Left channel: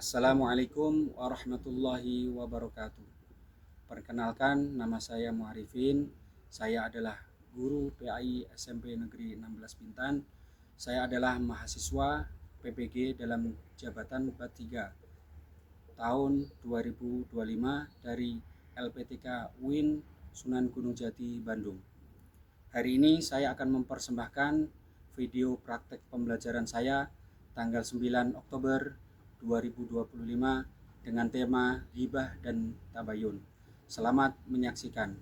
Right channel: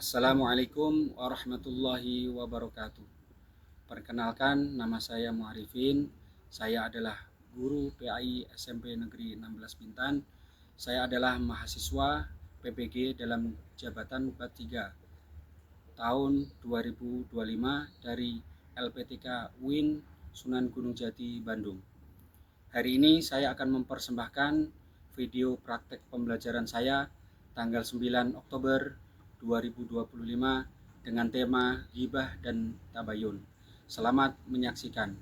Assalamualaikum warahmatullahi wabarakatuh. Perkenalkan, nama saya Muarifin. Saya adalah guru PAI SMP Negeri 16 Bintan. Saya adalah mahasiswa PPG dalam jabatan Bat 3 tahun 2025 dari LPTK UIN Sunan Gunung Jati, Bandung. Hari ini saya akan mempersembahkan video praktek pembelajaran saya tanggal 9 Oktober 2025 dengan tema ghibah dan tabayun. Selamat menyaksikan.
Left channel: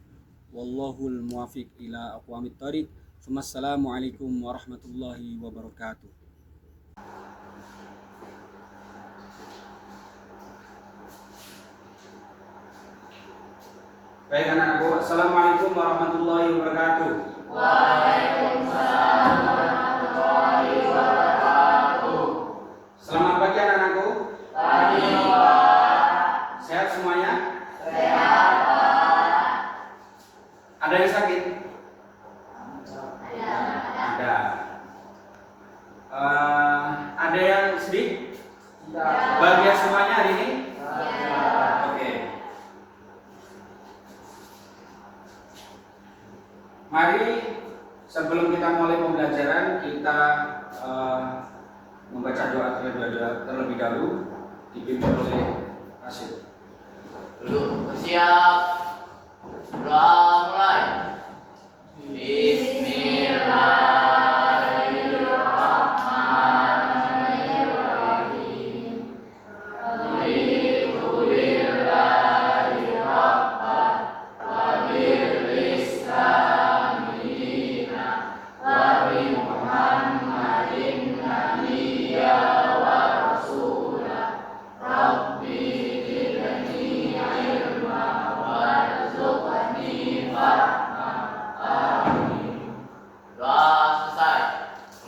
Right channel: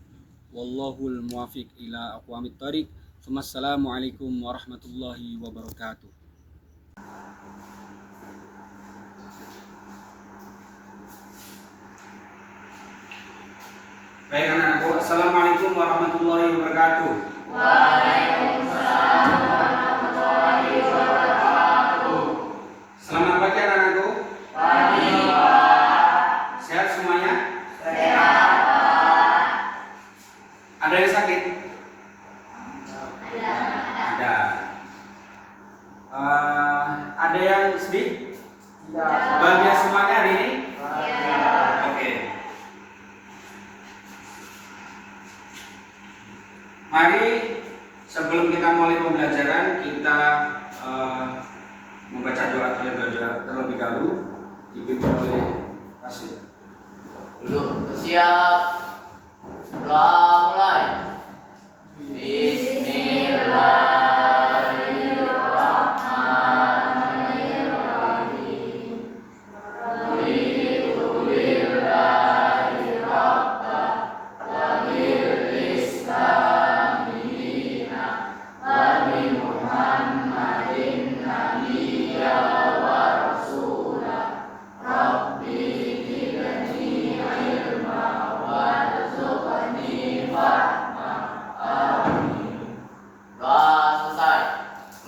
Wallahul muwafiq ila aqwamit thoriq. Wassalamualaikum warahmatullahi wabarakatuh. Baik anak-anakku, assalamualaikum warahmatullahi wabarakatuh. Waalaikumsalam warahmatullahi wabarakatuh. Selamat pagi anak-anakku. Pagi, Pak. Sehat semuanya? Sehat, Pak. Ada yang sakit? Ada. Ada. Ada yang sedih? Tidak. Bahagia semuanya hari ini? Ya. Oke. Mari sebelum kita mulai pembelajaran kita membaca doa terlebih dahulu dipimpin oleh Kasih. Belum siap. Doa mulai. Bismillahirrahmanirrahim. Alhamdulillahi rabbil alamin. Wa bi Muhammadin nabiyya wa rasulah. Rabbi zidni ilma warzuqni fahma. Amin. Doa selesai.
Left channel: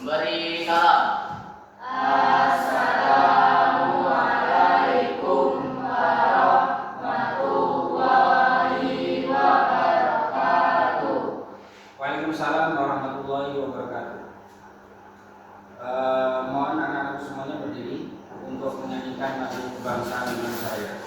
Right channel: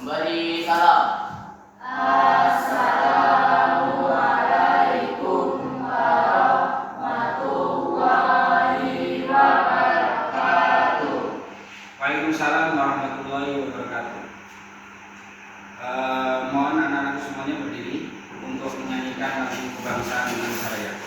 Memberi salam. Assalamualaikum warahmatullahi wabarakatuh. Waalaikumsalam warahmatullahi wabarakatuh. Mohon anak-anak semuanya berdiri untuk menyanyikan lagu kebangsaan Indonesia Raya.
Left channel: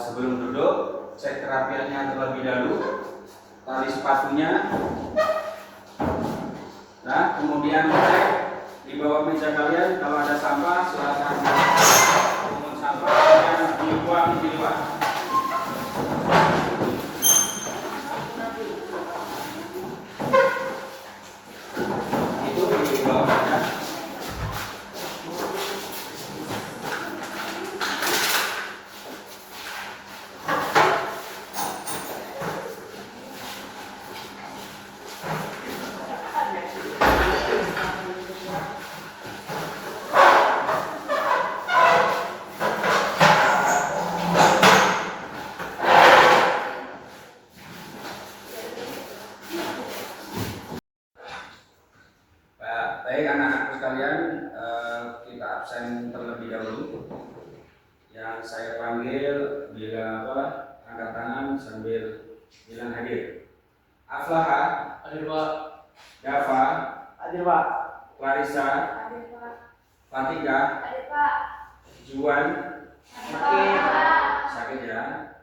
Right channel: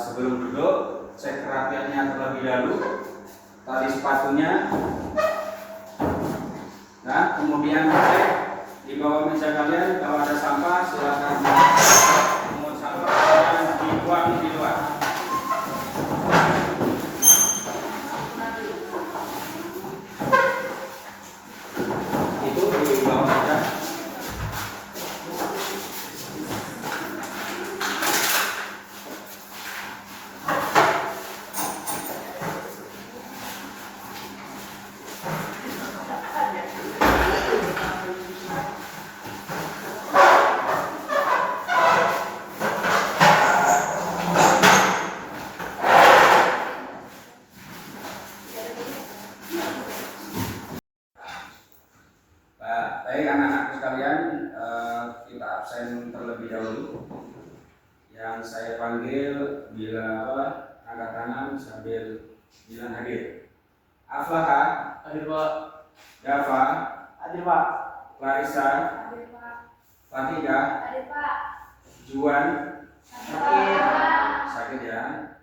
Sebelum duduk, cek kerapiannya terlebih dahulu, tali sepatunya, nah kemudian cek di bawah meja kalian kalau ada sampah silakan pungut sampah dan dibuang di luar. Itu di bawah meja. Baik anak-anakku sekalian, kita absen terlebih dahulu. Yang saya panggil bila angkat tangan sambil bilang hadir. Aflaha, Hadir Pak. Dava, Hadir Pak. Clarissa, Hadir Pak. Fatika, Hadir Pak. Juan, Hadir Pak. sakit ya,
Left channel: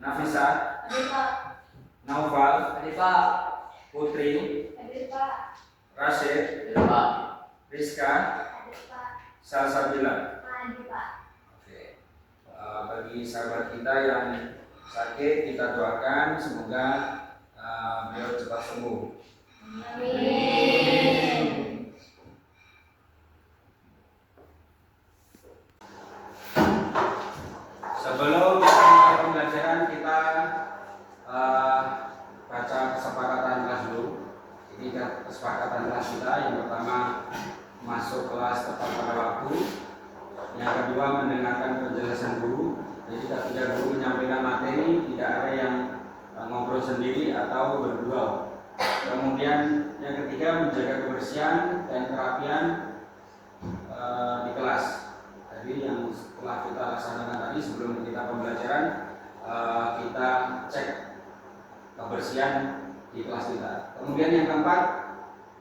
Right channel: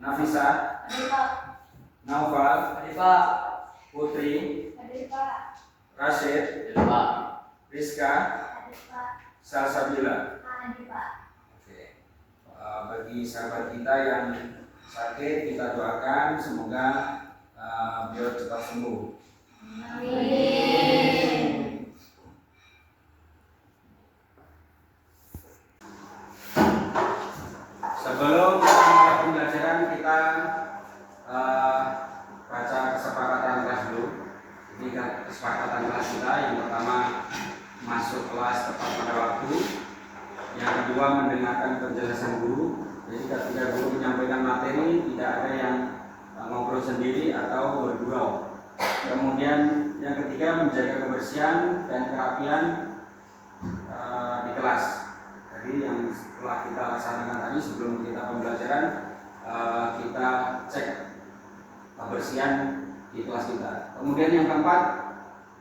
Nafisa, Hadir Pak. Naufal, Hadir Pak. Putri, Hadir Pak. Rashid, Hadir Pak. Rizka, Hadir Pak. Salsabila. Hadir Pak. Oke. Bagi sahabat kita yang sakit, kita doakan semoga beliau cepat sembuh. Amin. Sebelum kita mulai pembelajaran, kita baca kesepakatan kelas dulu. Ini kesepakatan kelas kita. Yang pertama, masuk kelas tepat pada waktu. Yang kedua, mendengarkan penjelasan guru. Jadi ketika guru menyampaikan materi, tidak ada yang ngobrol sendiri atau bergurau. Kemudian yang ketiga, menjaga kebersihan dan kerapian di kelas. Jadi yang setelah kita laksanakan tadi sebelum kita pembelajaran, kita cek kebersihan di kelas kita. Kemudian yang keempat,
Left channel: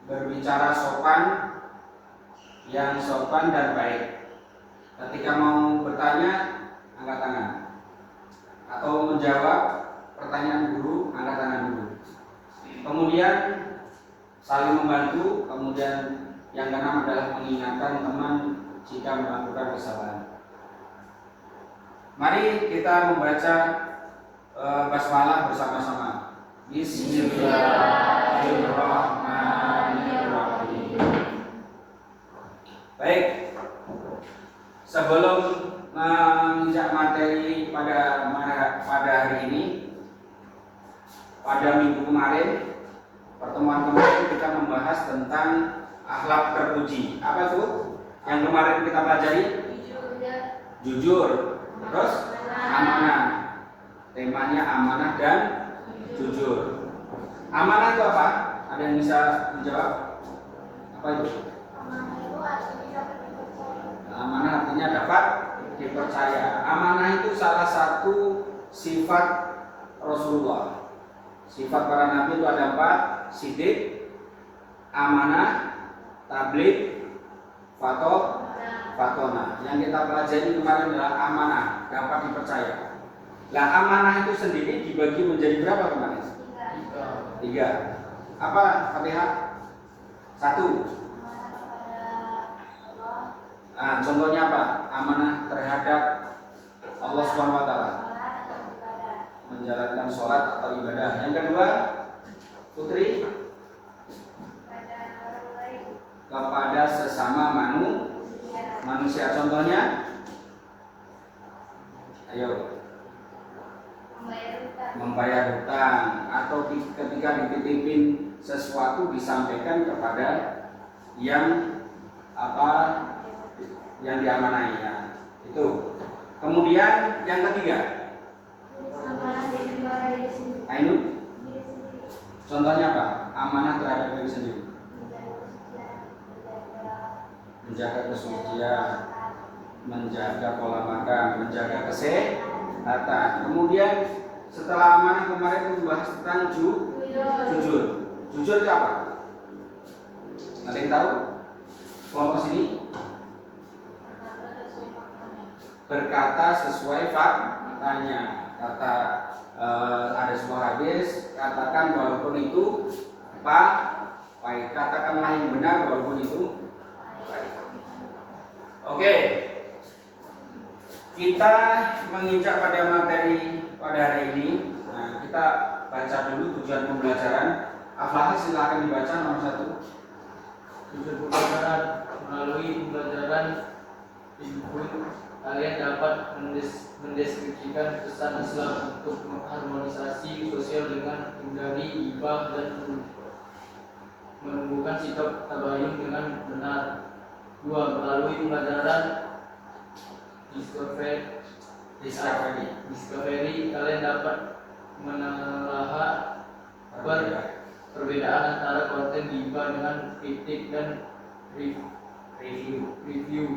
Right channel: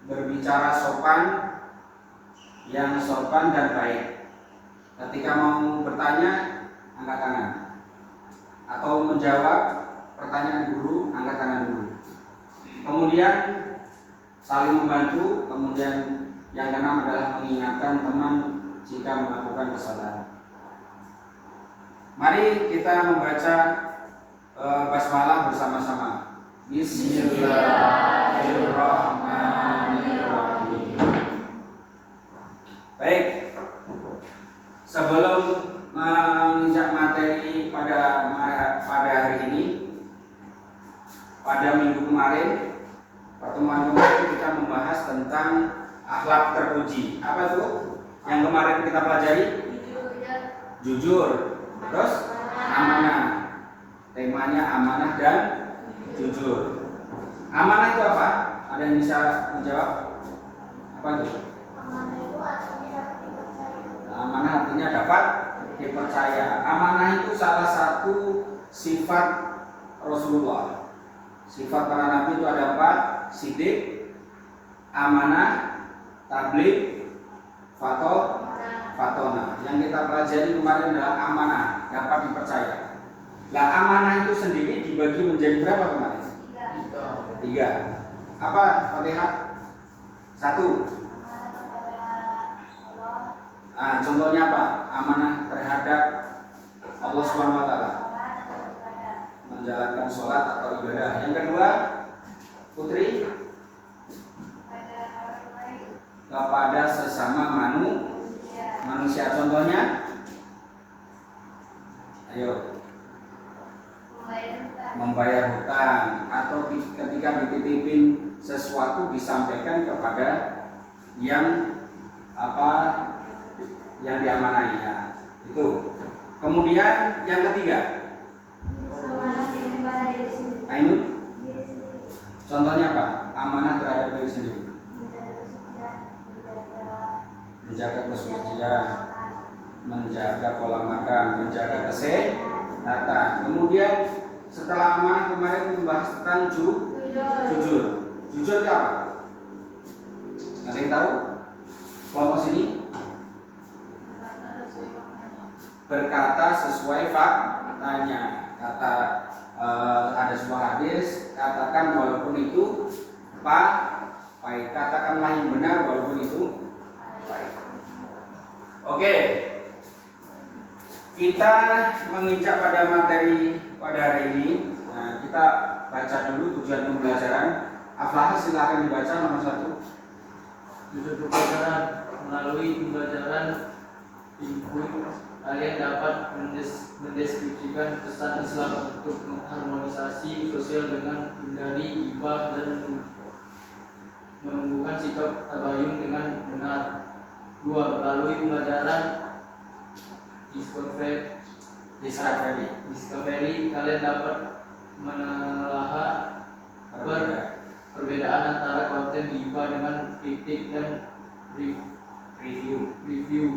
berbicara sopan, yang sopan dan baik. Ketika mau bertanya, angkat tangan. Atau menjawab pertanyaan guru, angkat tangan dulu. Kemudian saling membantu. Kemudian yang keenam adalah mengingatkan teman jika melakukan kesalahan. Mari kita membaca basmalah bersama-sama. Bismillahirrahmanirrahim. Baik. Sebelum menginjak materi pada hari ini, pada minggu kemarin, pertemuan kemarin kita membahas tentang akhlak terpuji. Apa itu? Yang kemarin kita pelajari? Jujur. Terus amanah. Temanya amanah dan jujur. Amanah itu apa? Ada yang bisa menjawab? Apa itu? Amanah artinya dapat dipercaya. Amanah itu salah satu sifat Rasulullah. Sifat para nabi itu ada 4: sidik, amanah, tabligh, fatona. Yang kita pelajari kemarin adalah amanah, dapat dipercaya. Nah, amanah itu sendiri dibagi menjadi berapa kemarin? 3. Apa, Fatihah? 1. Contohnya apa? Amanah terhadap Allah Subhanahu wa taala. Menjalankan sholat atau ibadah. Yang kedua, Putri, kepada sesama manusia. Contohnya, ayo, membayar hutang atau ketika dititipin sesuatu disampaikan kepada yang diamanai ya. Itu. Kemudian yang ketiga, Ainun, contohnya apa? Amanah terhadap diri sendiri. Menjaga kesucian, menjaga pola makan, menjaga kesehatan. Kemudian setelah amanah kemarin membahas tentang jujur. Jujur itu apa? Ada yang tahu? Kelompok sini. Berkata sesuai faktanya. Ada sebuah hadis, katakan walaupun itu baik. Katakanlah yang benar walaupun itu baik. Oke. Kita menginjak pada materi pada hari ini. Nah, kita baca dulu tujuan pembelajaran. Aflaha, silakan dibaca nomor 1. Tujuan pembelajaran: melalui pembelajaran input, kalian dapat mendeskripsikan pesan Islam untuk mengharmonisasi sosial dengan hindari ghibah dan menumbuhkan sikap tabayun dengan benar. 2. Melalui pembelajaran discovery, kalian dapat menelaah perbedaan antara konten ghibah dengan kritik dan review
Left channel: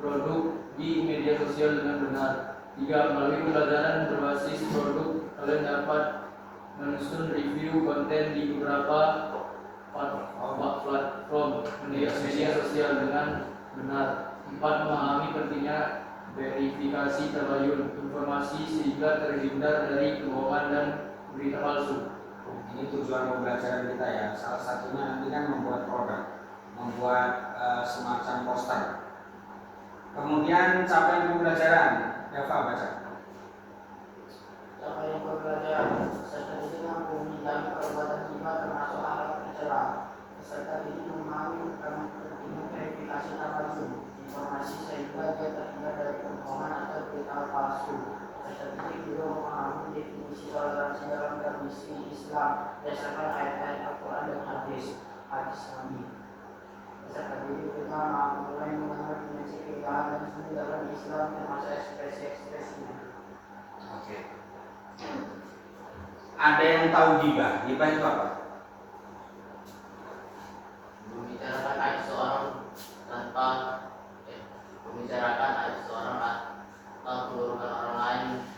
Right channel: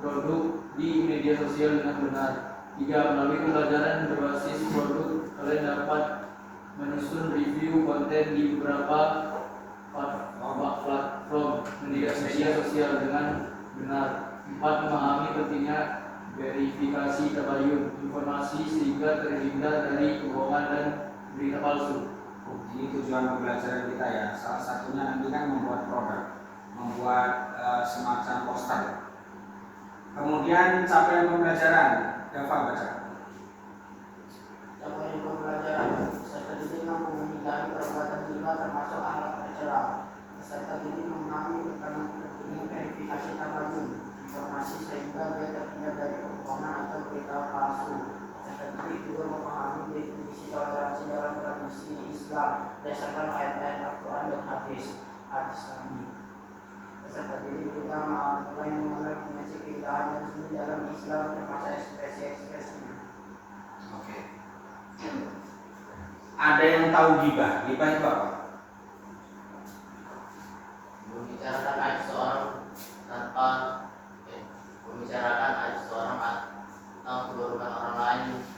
produk di media sosial dengan benar. 3. Melalui pembelajaran berbasis produk, kalian dapat menyusun review konten di beberapa platform media sosial dengan benar. 4. Memahami pentingnya verifikasi tabayun informasi sehingga terhindar dari kebohongan dan berita palsu. Ini tujuan pembelajaran kita ya. Salah satunya nanti kan membuat produk, membuat semacam poster. Kemudian capaian pembelajaran, Dava baca. Capaian pembelajaran peserta didik mampu menghindari perbuatan riba termasuk akhlak tercela. Peserta didik memahami tentang pentingnya verifikasi tabayun informasi sehingga dia terhindar dari kebohongan atau berita palsu. Peserta didik juga memahami definisi toleransi dalam tradisi Islam berdasarkan ayat-ayat Al-Quran dan hadis Nabi. Peserta didik juga mulai mengenal dimensi keindahan dan seni dalam Islam termasuk ekspresi-ekspresinya. Oke. Ada yang tahu gibah? Gibah itu apa? Membicarakan aib seorang atau keburukan orang lain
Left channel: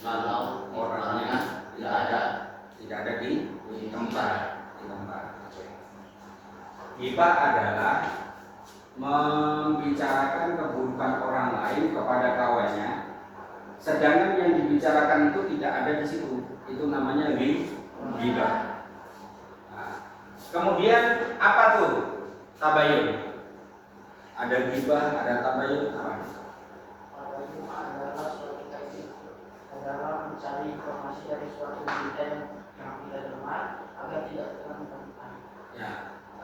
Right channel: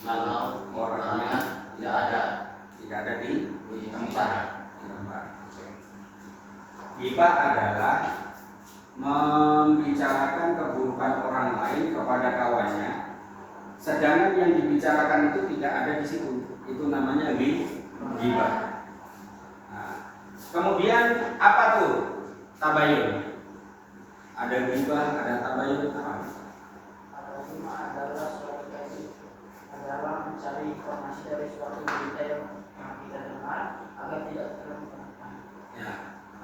kalau orangnya tidak ada di tempat. Gibah adalah membicarakan keburukan orang lain kepada kawannya, sedangkan yang dibicarakan itu tidak ada di situ. Itu namanya gibah. Nah, kemudian apa tuh tabayun? Ada gibah, ada tabayun, apa? Tabayun adalah suatu teknik adalah mencari informasi dari suatu berita yang kita dengar agar tidak terlalu Ya,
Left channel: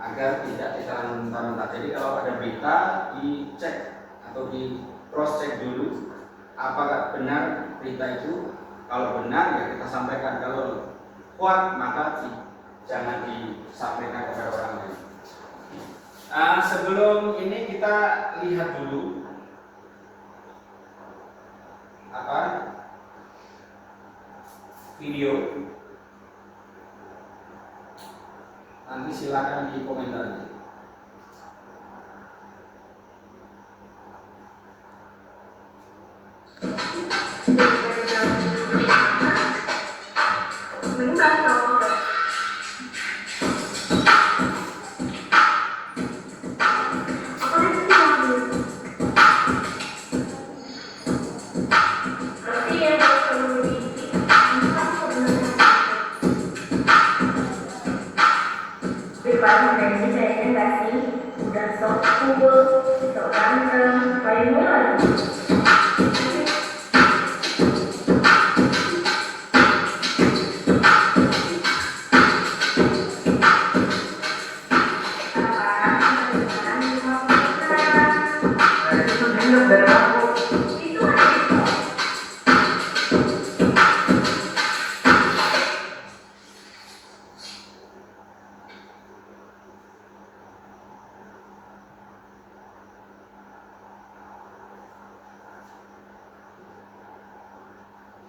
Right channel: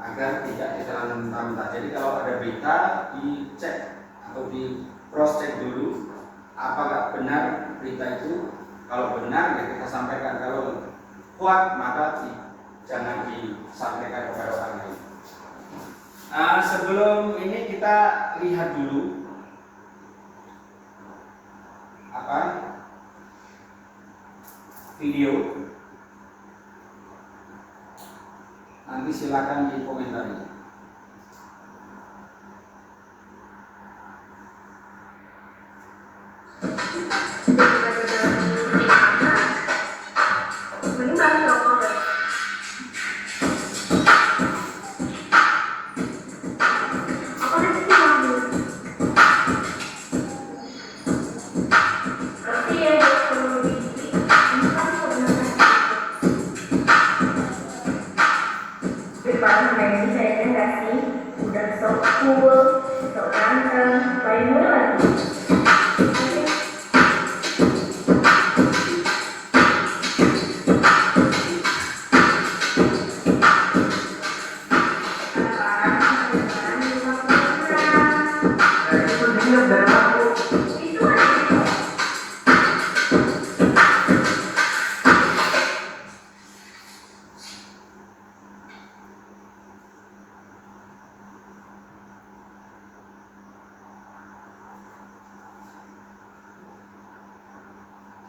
agar tidak ditelan mentah-mentah. Jadi kalau ada berita dicek atau di cross check dulu apakah benar berita itu. Kalau benar ya kita sampaikan, kalau kuat maka jangan disampaikan kepada orang lain. Sebelum ini kita lihat dulu video. Nanti silakan dikomentari. Depan dari saya enggak sih, udah sok cool, sok ganteng, paling mulai.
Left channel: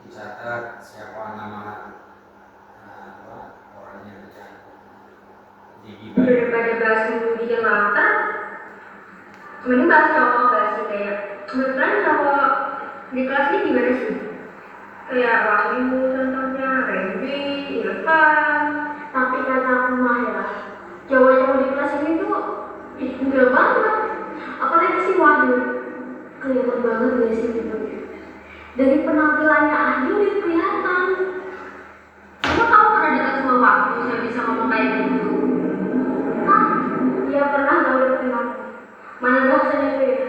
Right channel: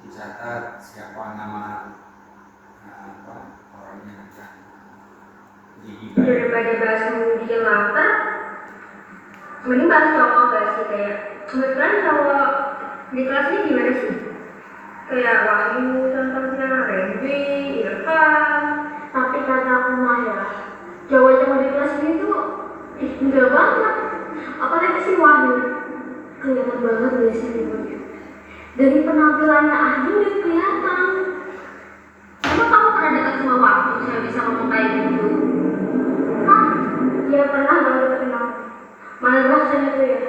Dicatat siapa nama orangnya aja. Daripada bahas di jelata, mending bahas cowok gak sih? Kayak kebetulan cowok di kelas ini gimana sih? Kayak Wahyu contohnya, Randy, Irfan. Tapi kata aku mah ya, cowok-cowok di kelas ini tuh enggak banget. Apalagi si Wahyu, kelihatan banget gak sih gitu. Dari penampilannya aja udah kelihatan. Emang kamu pernah dekat sama Wahyu yang bisa ngomong kayak gitu? Hah? Iya pernah kali kenal. Mana bahasanya tuh ya?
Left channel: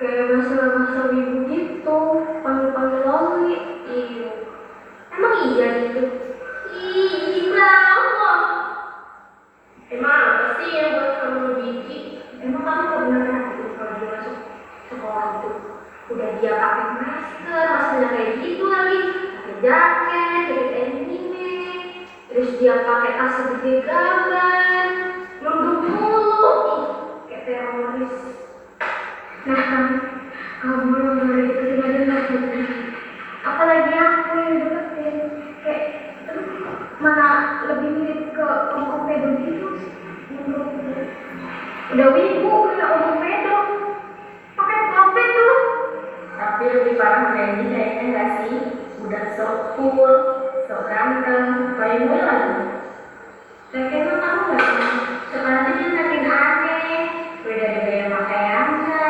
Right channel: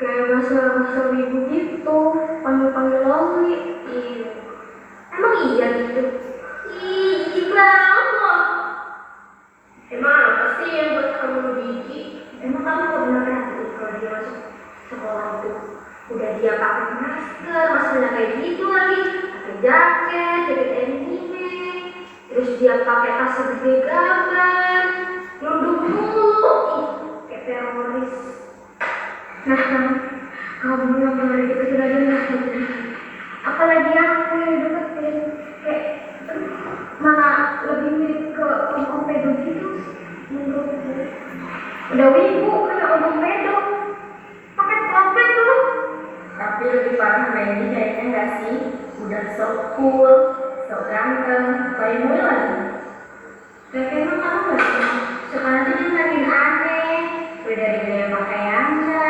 Kayak bahasa wibu gitu, panggil-panggil Loli. Iya. Emang iya gitu? Ih, jijik banget. Emang apa sih yang buat kamu jijik? Emang kamu gak pernah perhatiin kalau dia masuk sekolah itu? Udah dia pakai maskernya kayak gitu lagi, pakai jaket anime, terus dia pakai tas segede gaban, nunduk mulu, kayak teroris. Nah, kamu yang mulai deketin aja lagi, apalagi aku yang deketin, kayak mana lebih mirip ke om pedo gitu menurutku. Udah wibu kayak omong pedo. Pakai komplit tuh. Tapi lebih parah Randy kayaknya nggak sih? Udah sok cool, sok ganteng, kayak gue lagi. Kayaknya lo tau gak sih? Sekarang tuh dia makin aneh. Gue dari gaya pakaiannya,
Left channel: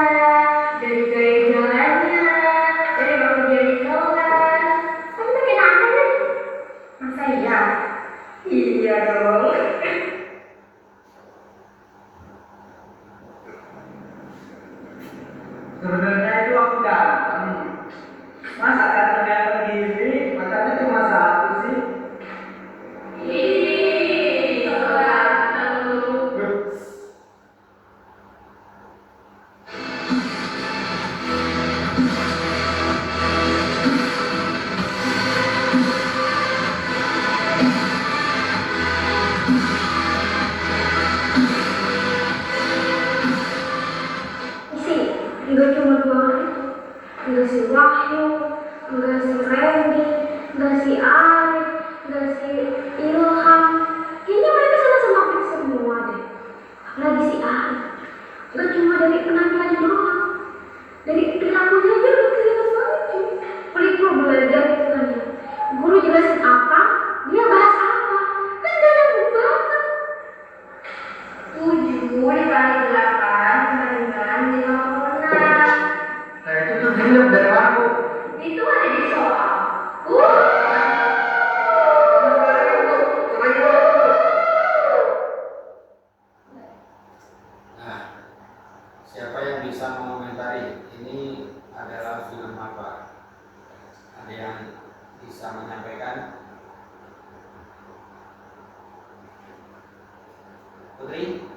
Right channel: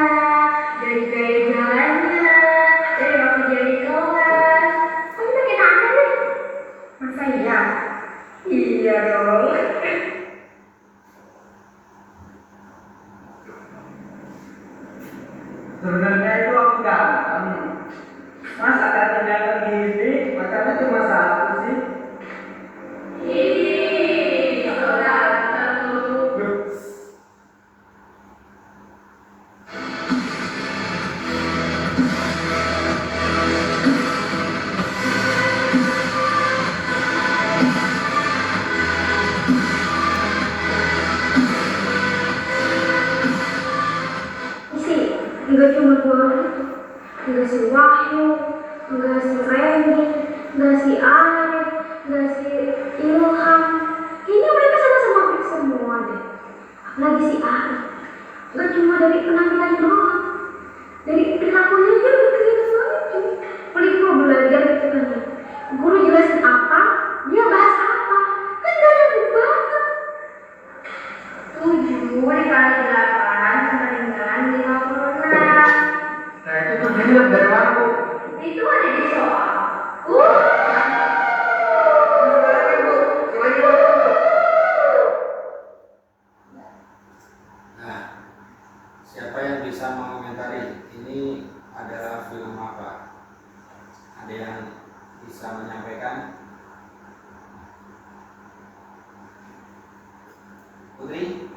dari gaya jalannya, dari waktu dia di kelas. Tapi makin aneh deh. Masa iya? Iya dong. Sebenarnya itu aku ganteng. Masa ganteng gini, matanya cuma satu sih. Ih, so ganteng lu. Sih, nggak cuma dua orang itu, nggak si Wahyu, nggak si Randy, nggak si Arif, nggak si Ilham. Kayaknya mereka sama-sama fix semua deh. Apalagi si Arif, nggak cuma dari penampilan doang, dari perilakunya aja udah kelihatan banget cuy. Paling mau belajar gitu kan ya, guru jelasin apa, dia bahas apa, kan gak nyambung banget. 7 dikali 8 dengan 56. Nah itu tuh film dari mana bu? Itu ada di soal. Nah, siapa yang bisa mengomentari ini adalah film apa? Ada yang bisa menyampaikan? Putri?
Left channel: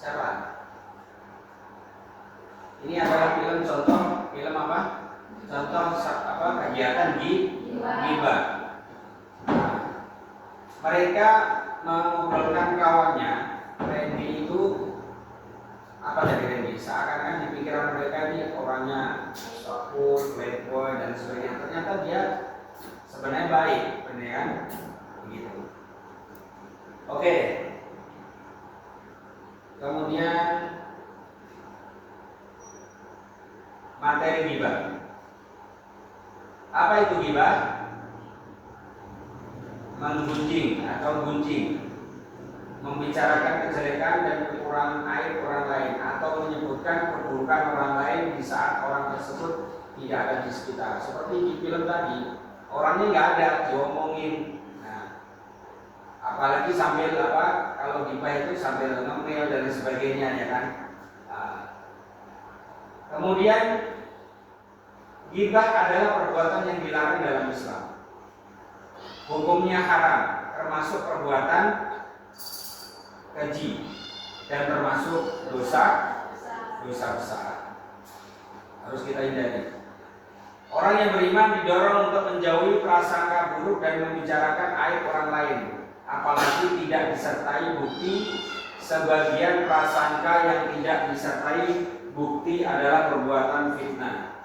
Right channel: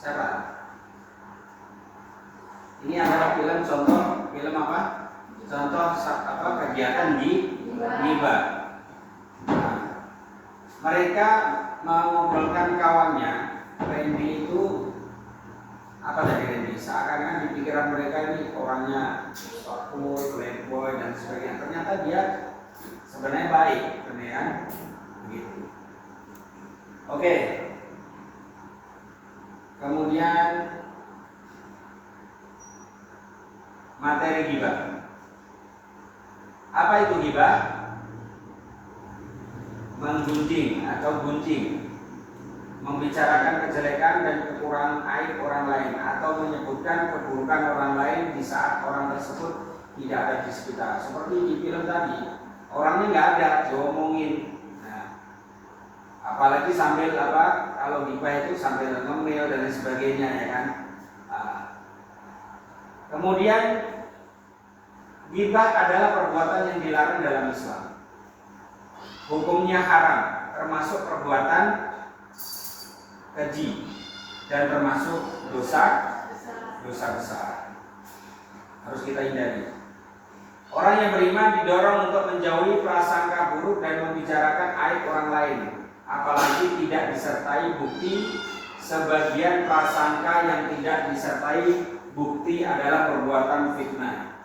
Siapa? Ini adalah film contoh film apa? Contoh apa kegiatan gibah. Nah, mereka mengobrolkan kawannya. Randy itu apa tadi Randy? Seakan-akan di pikiran mereka ini orangnya cool, playboy dan sebagainya. Ternyata dia sebenarnya baik, benar kan? Begitu. Oke. Kemudian materi gibah. Apa itu gibah? Menggunjing atau gunjing, membicarakan kejelekan dan kekurangan aib orang lain atau menyebutkan keburukan orang lain di saat orang tersebut tidak ada di sekitar. Seperti di film tadi, orangnya nggak ada, diomongin. Nah, apalagi sambil apa? Kalau gibah itu sambil ngemil dan sebagainya ya kan. Nah, kemudian gibah adalah perbuatan yang dilarang dalam Islam. Hukumnya haram, termasuk perbuatan keji dan termasuk dosa besar. Harus kita hindari. Orang yang beriman didorong untuk menjauhi prasangka buruk dan membicarakan aib orang lain, apalagi tidak disertai bukti. Sebagian prasangka yang tidak disertai bukti adalah perbuatan fitnah.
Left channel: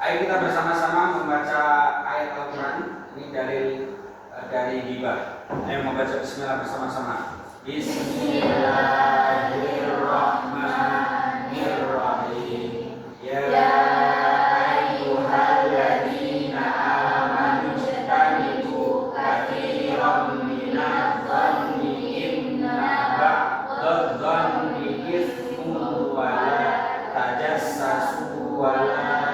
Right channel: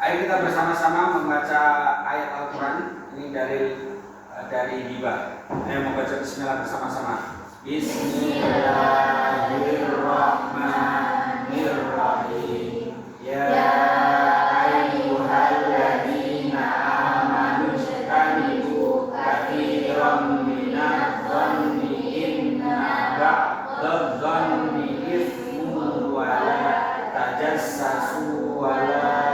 Ayo kita bersama-sama membaca ayat Al-Quran. Ini dari gibah. Ayo membaca Bismillah bersama-sama. Bismillahirrahmanirrahim. Ya ayyuhalladzina amanu ijtanibu katsiran minadh-dhanni inna ba'dadh-dhanni ithmun wa la tajassasu wa la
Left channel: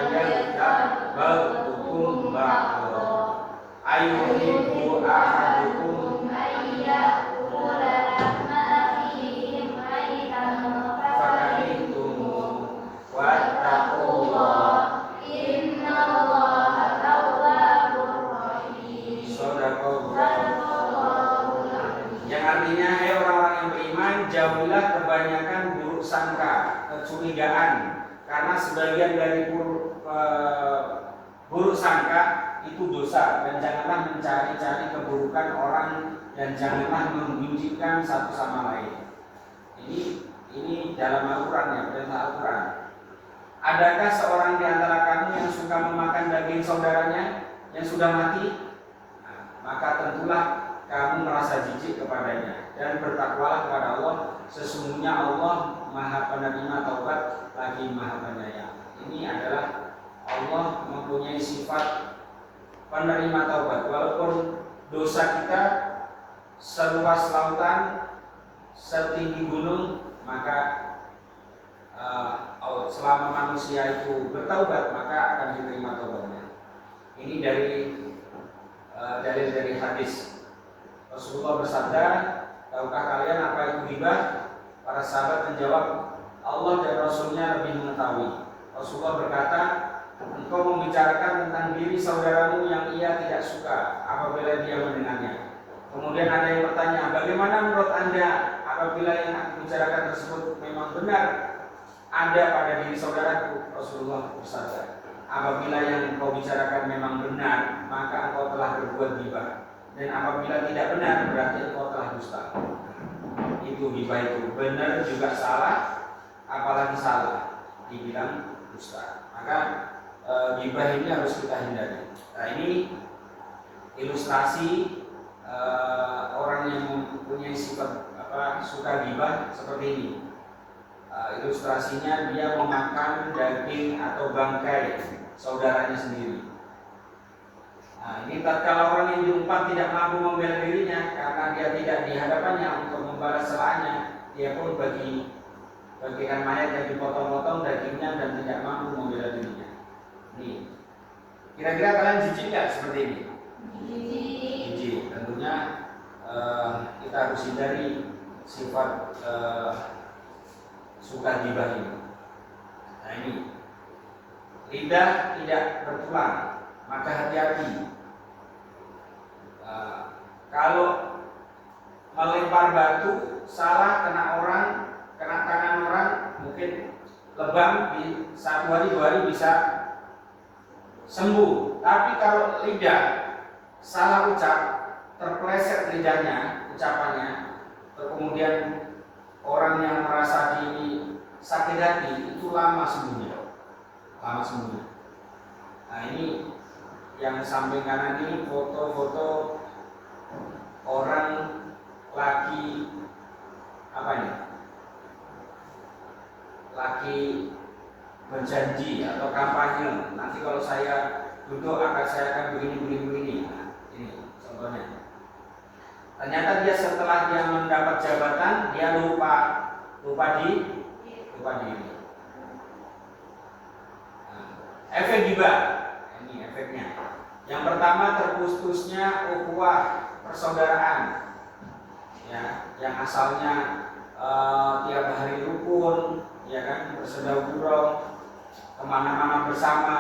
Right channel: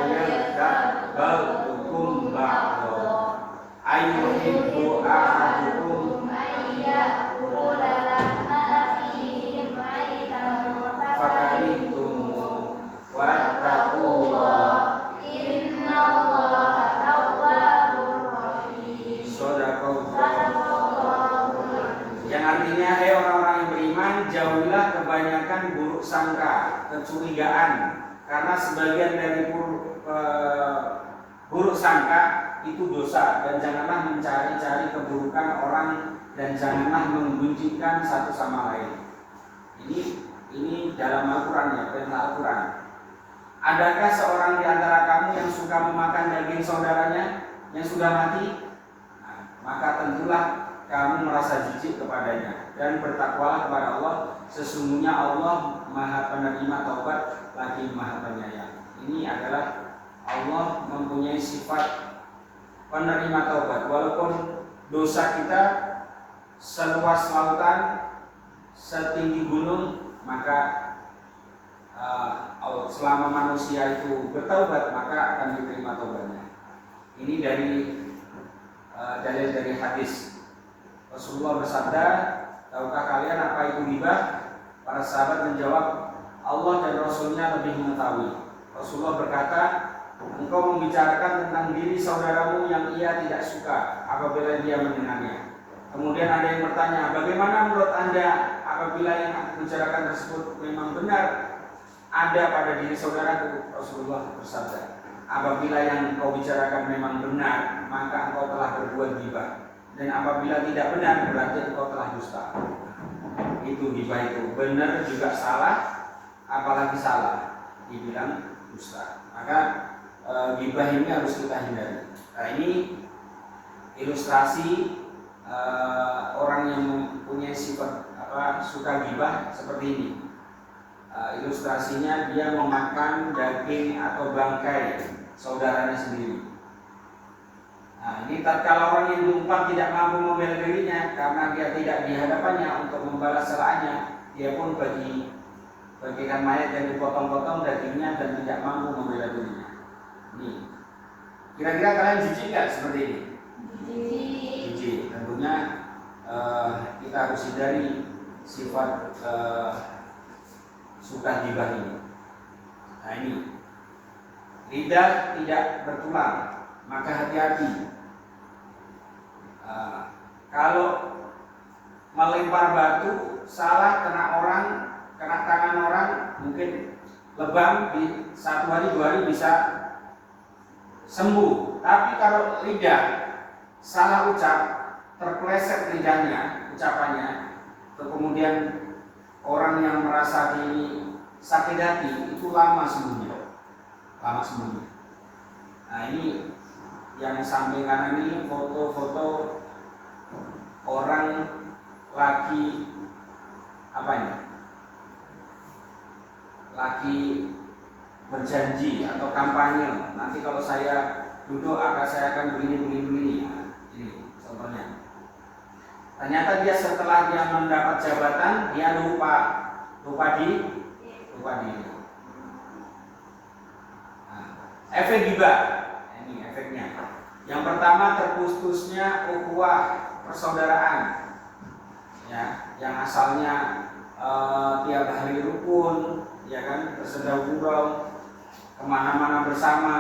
ba'dukum ba'dha ayyuhibbu ahadukum ayyakula lama fihi maitan fakarihtum wattaqullah innallaha tawwabur rahim. Shadaqallah. Yang artinya hai orang-orang yang beriman, jauhilah kebanyakan buruk sangka, kecurigaan, karena sebagian dari buruk sangka itu dosa, dan janganlah mencari-cari keburukan orang, dan janganlah menggunjingkan satu sama lain. Ini dalam Al-Quran ya, perintah Al-Quran. Adakah seorang di antara kamu yang suka memakan daging saudaranya yang sudah mati? Nah, maka tentulah kamu merasa jijik kepadanya, dan bertakwalah kepada Allah. Sesungguhnya Allah Maha Penerima Taubat lagi Maha Penyayang. Ini adalah Allah mempunyai sifat penerima taubat. Walaupun dosa kita seluas lautan, setinggi gunung, maka selama manusia itu bertaubat, maka akan diterima taubatnya. Ini dari hadis. Rasulullah bersabda, tahukah kalian apa itu ghibah? Para sahabat menjawab, Allah dan Rasulnya lebih mengetahui. Rasulullah berkata, engkau membicarakan tentang diri saudaramu yang ia tidak suka apabila dia mendengarnya. Kemudian ada yang bertanya, bagaimana menurut Anda apabila yang aku bicarakan tersebut memang benar ada pada diri saudaraku? Rasulullah bersabda, apabila yang kau bicarakan memang benar, maka engkau telah berbuat ghibah, dan apabila tidak benar, berarti engkau telah dusta. Itu ghibah itu, benar juga salah, apalagi salah dibilang dusta. Maka ghibah ini harus kita hindari. Nah, ini ilustrasi orang yang mempunyai sifat suka ghibah seperti ini. Ilustrasinya dia memakan daging atau bangkai saudaranya sendiri. Nah, ini tatkala orang yang diumpat tidak mampu membela dirinya karena dia tidak di hadapannya untuk membalas celahannya, dia pun bagikan mayat yang dipotong-potong dagingnya dan tidak mampu membela dirinya. Nih, kira-kira kalian jijik nggak seperti ini? Jijik. Tentunya kita harus hindari sifat suka ghibah ini. Nah, ini lidah tidak bertulang, maka hati-hati. Kalau melempar batu salah, kena orang, kena tangan orang, mungkin lebam di 1 hari 2 hari bisa sembuh. Tapi kalau lidah salah ucap, terpleset lidahnya, ucapannya, kemudian orang yang merasa di sakit hati itu lama sembuhnya. Nah, ini yang samping kanan ini foto-foto orang lagi lagi berjanji atau kampanye. Nanti kalau saya duduk saya akan begini. Nah, ini contohnya. Ternyata dia setelah dia mendapat jabatan, dia lupa diri. Nah, efek ghibah. Ini efeknya. Yang pertama, terputusnya ukhuwah persaudaraan. Ya, yang asalnya tiap hari rukun, ya kan, bersedekah kemana-mana bersama.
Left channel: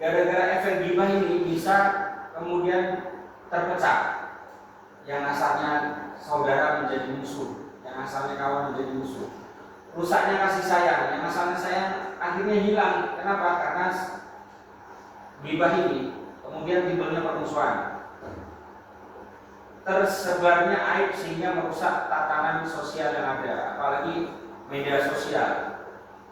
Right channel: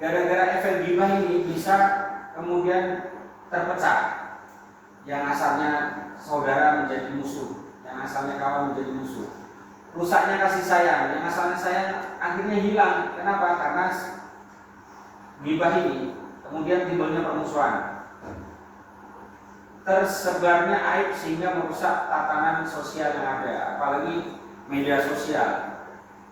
Gara-gara efek ghibah ini bisa kemudian terpecah. Yang asalnya saudara menjadi musuh, yang asalnya kawan menjadi musuh. Rusaknya kasih sayang, yang asalnya sayang akhirnya hilang. Kenapa? Karena ghibah ini. Kemudian timbulnya permusuhan, tersebarnya aib sehingga merusak tatanan sosial yang ada. Apalagi media sosial,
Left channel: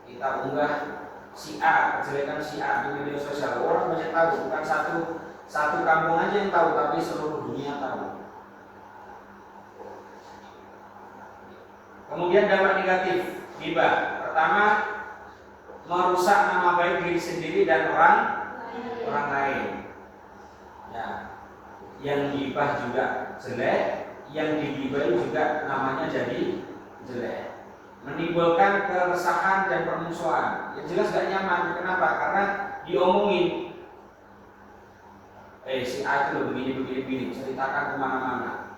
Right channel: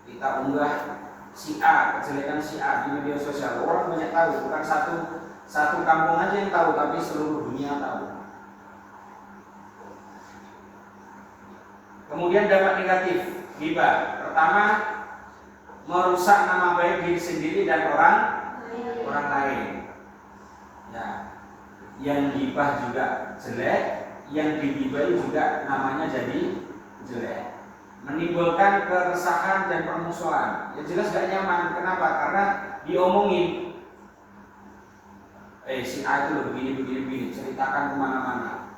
kita unggah si A, kejelekan si A di media sosial, orang banyak tahu. Bukan satu kampung aja yang tahu, tapi seluruh dunia tahu. Kemudian dampak negatif ghibah. Pertama, merusak nama baik diri sendiri dan orang lain. Ya, yang ghibah juga jelek, yang dighibahi juga namanya jadi jelek. Menimbulkan keresahan dan permusuhan. Yang jelas gak nyaman. Kenapa? Karena diomongin. Si A itu loh begini, ceritakan kemana-mana.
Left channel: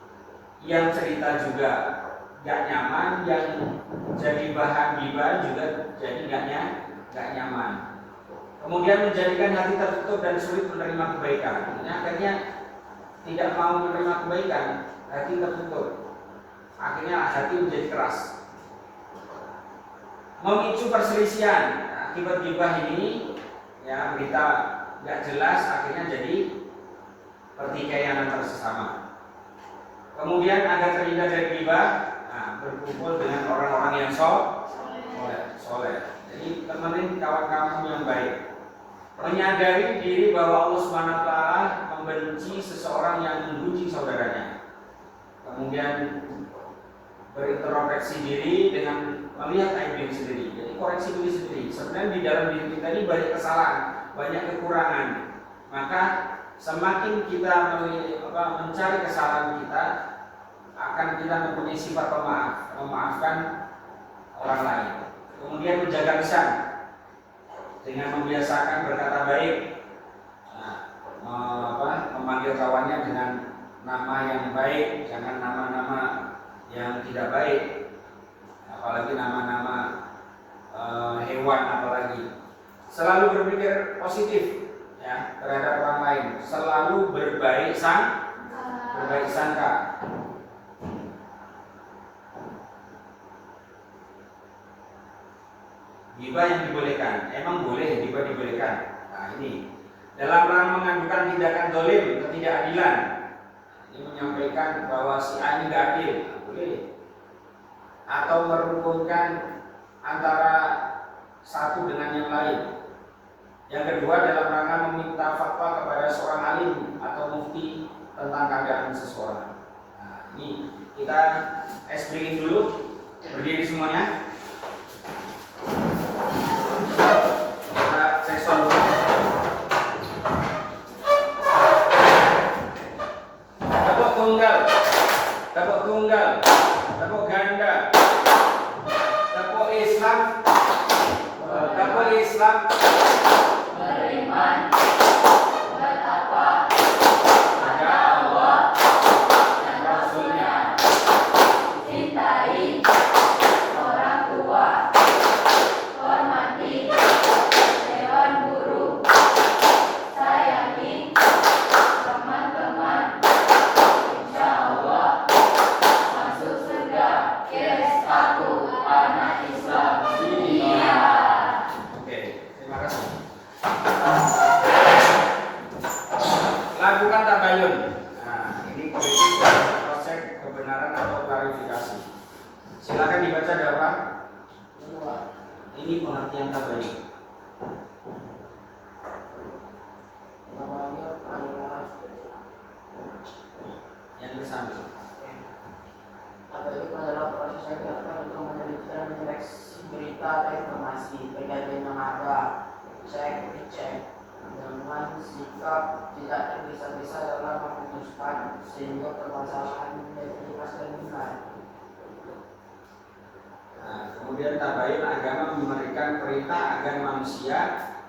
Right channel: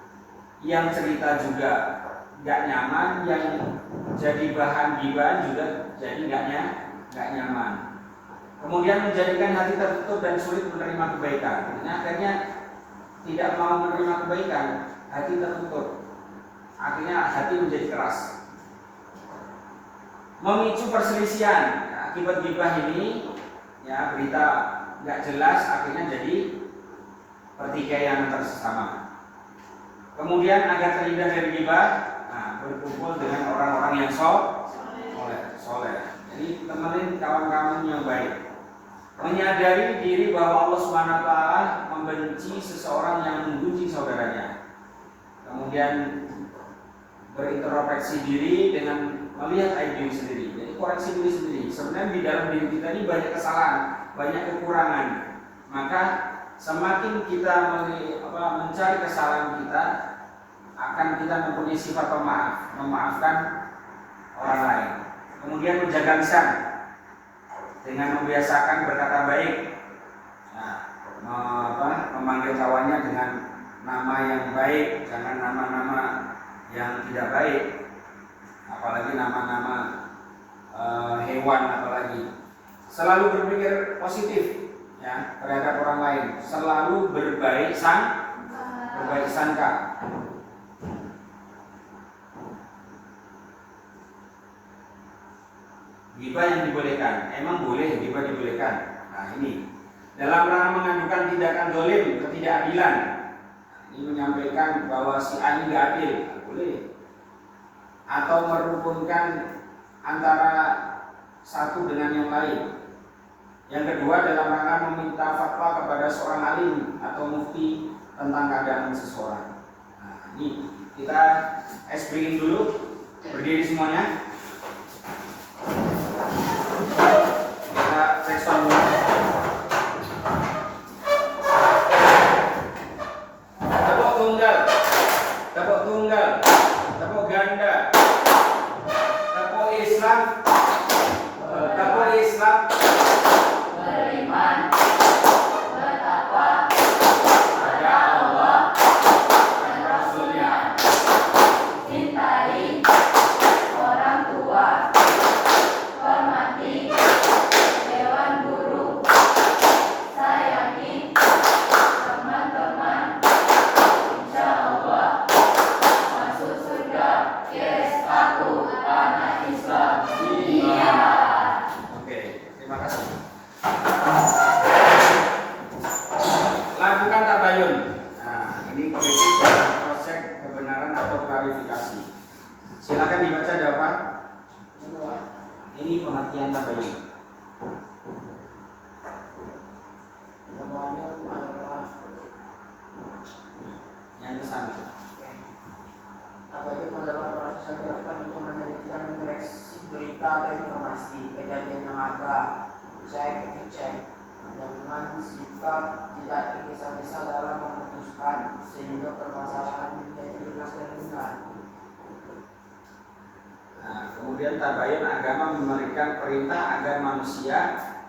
Yang cerita juga gak nyaman, yang jadi bahan ghibah juga jadi gak nyaman. Kemudian menjadikan hati tertutup dan sulit menerima kebaikan. Akhirnya tidak mau menerima kebaikan, hati tertutup. Akhirnya hati menjadi keras. Memicu perselisihan. Akibat ghibah ini, ya, berita nggak jelas, akhirnya jadi pertikaian antar sesama. Kemudian agar terhindar dari ghibah, berkumpul dengan orang-orang yang soleh. Jadi temenin kawan kamu yang baik. Menyadari diri bahwa Allah Subhanahu wa taala membenci seseorang yang membenci saudaranya. Kemudian berintrospeksi diri dengan melihat aib diri sendiri. Jadi koreksi diri sendiri. Sebenarnya di dalam diri kita ini banyak kesalahan, banyak kekurangan. Maka semakin kita mencari kesalahan kita, akan kita mempunyai sifat pemaaf, memaafkan orang lain. Kemudian menjaga lisan dengan membiasakan berkata baik. Memanggil kawannya dengan nama yang baik, jangan nama-nama yang tidak baik, apalagi nama-nama hewan apalagi. Selalu berpikir positif ya terhadap orang lain, selalu berbaik sangka. Ghibah yang dibolehkan, emang boleh ghibah dibolehkan. Nah ini dalam rangka mengajukan tindakan zalim, ketidakadilan. Ini menyampaikan bahwa si A ini nggak adil, boleh. Atau merukunkan antara satu dengan yang lain. Yang kedua dalam rangka meminta fatwa kepada seorang alim atau mufti tentang keadaan seseorang. Nah, ini kita explain dulu, berdiri semuanya. Kita cek sound dulu. Tepuk tunggal, tepuk ganda, tepuk Islam, beriman, bertakwa kepada Allah dan Rasulnya, cintai orang tua, hormati hewan burung, sayangi teman-teman, insya Allah masuk surga. Yes, aku anak Islam. Iya. Oke, terima kasih. Lakukan tabayun. Nah, ini kritik dan proses kebenaran atau klarifikasi. Silakan dibaca jawaban. Ini pengertian tabayun. Tabayun adalah Yang kesana. tabayun adalah proses yang dilakukan untuk meneliti dan menyeleksi berita atau informasi kejadian yang ada, dicek dengan sikap tidak tergesa-gesa dalam memutuskan sehingga permasalahan menjadi jelas dan benar. Nah, kemudian tabayun agama memberikan perintah agar manusia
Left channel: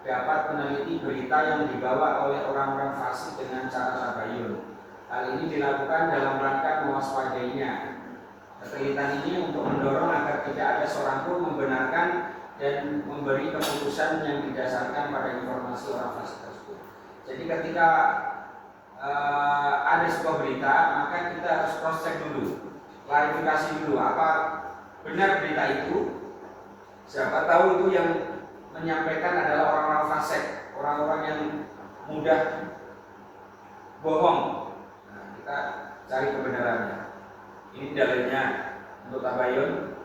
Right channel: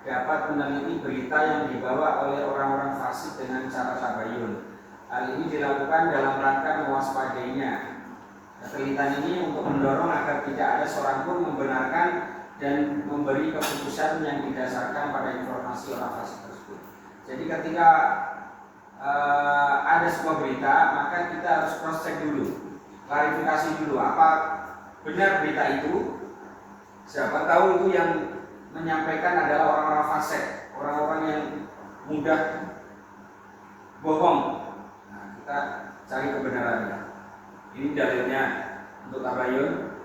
dapat meneliti berita yang dibawa oleh orang-orang fasik dengan cara tabayun. Hal ini dilakukan dalam rangka mewaspadainya. Ketelitian ini untuk mendorong agar tidak ada seorang pun membenarkan dan memberi keputusan yang didasarkan pada informasi orang fasik tersebut. Jadi ketika ada sebuah berita, maka kita harus cross check dulu, klarifikasi dulu apa benar berita itu. Siapa tahu itu yang menyampaikan adalah orang-orang fasik, orang-orang yang mudah bohong. Nah, kita cari kebenarannya. Ini dalilnya untuk tabayun.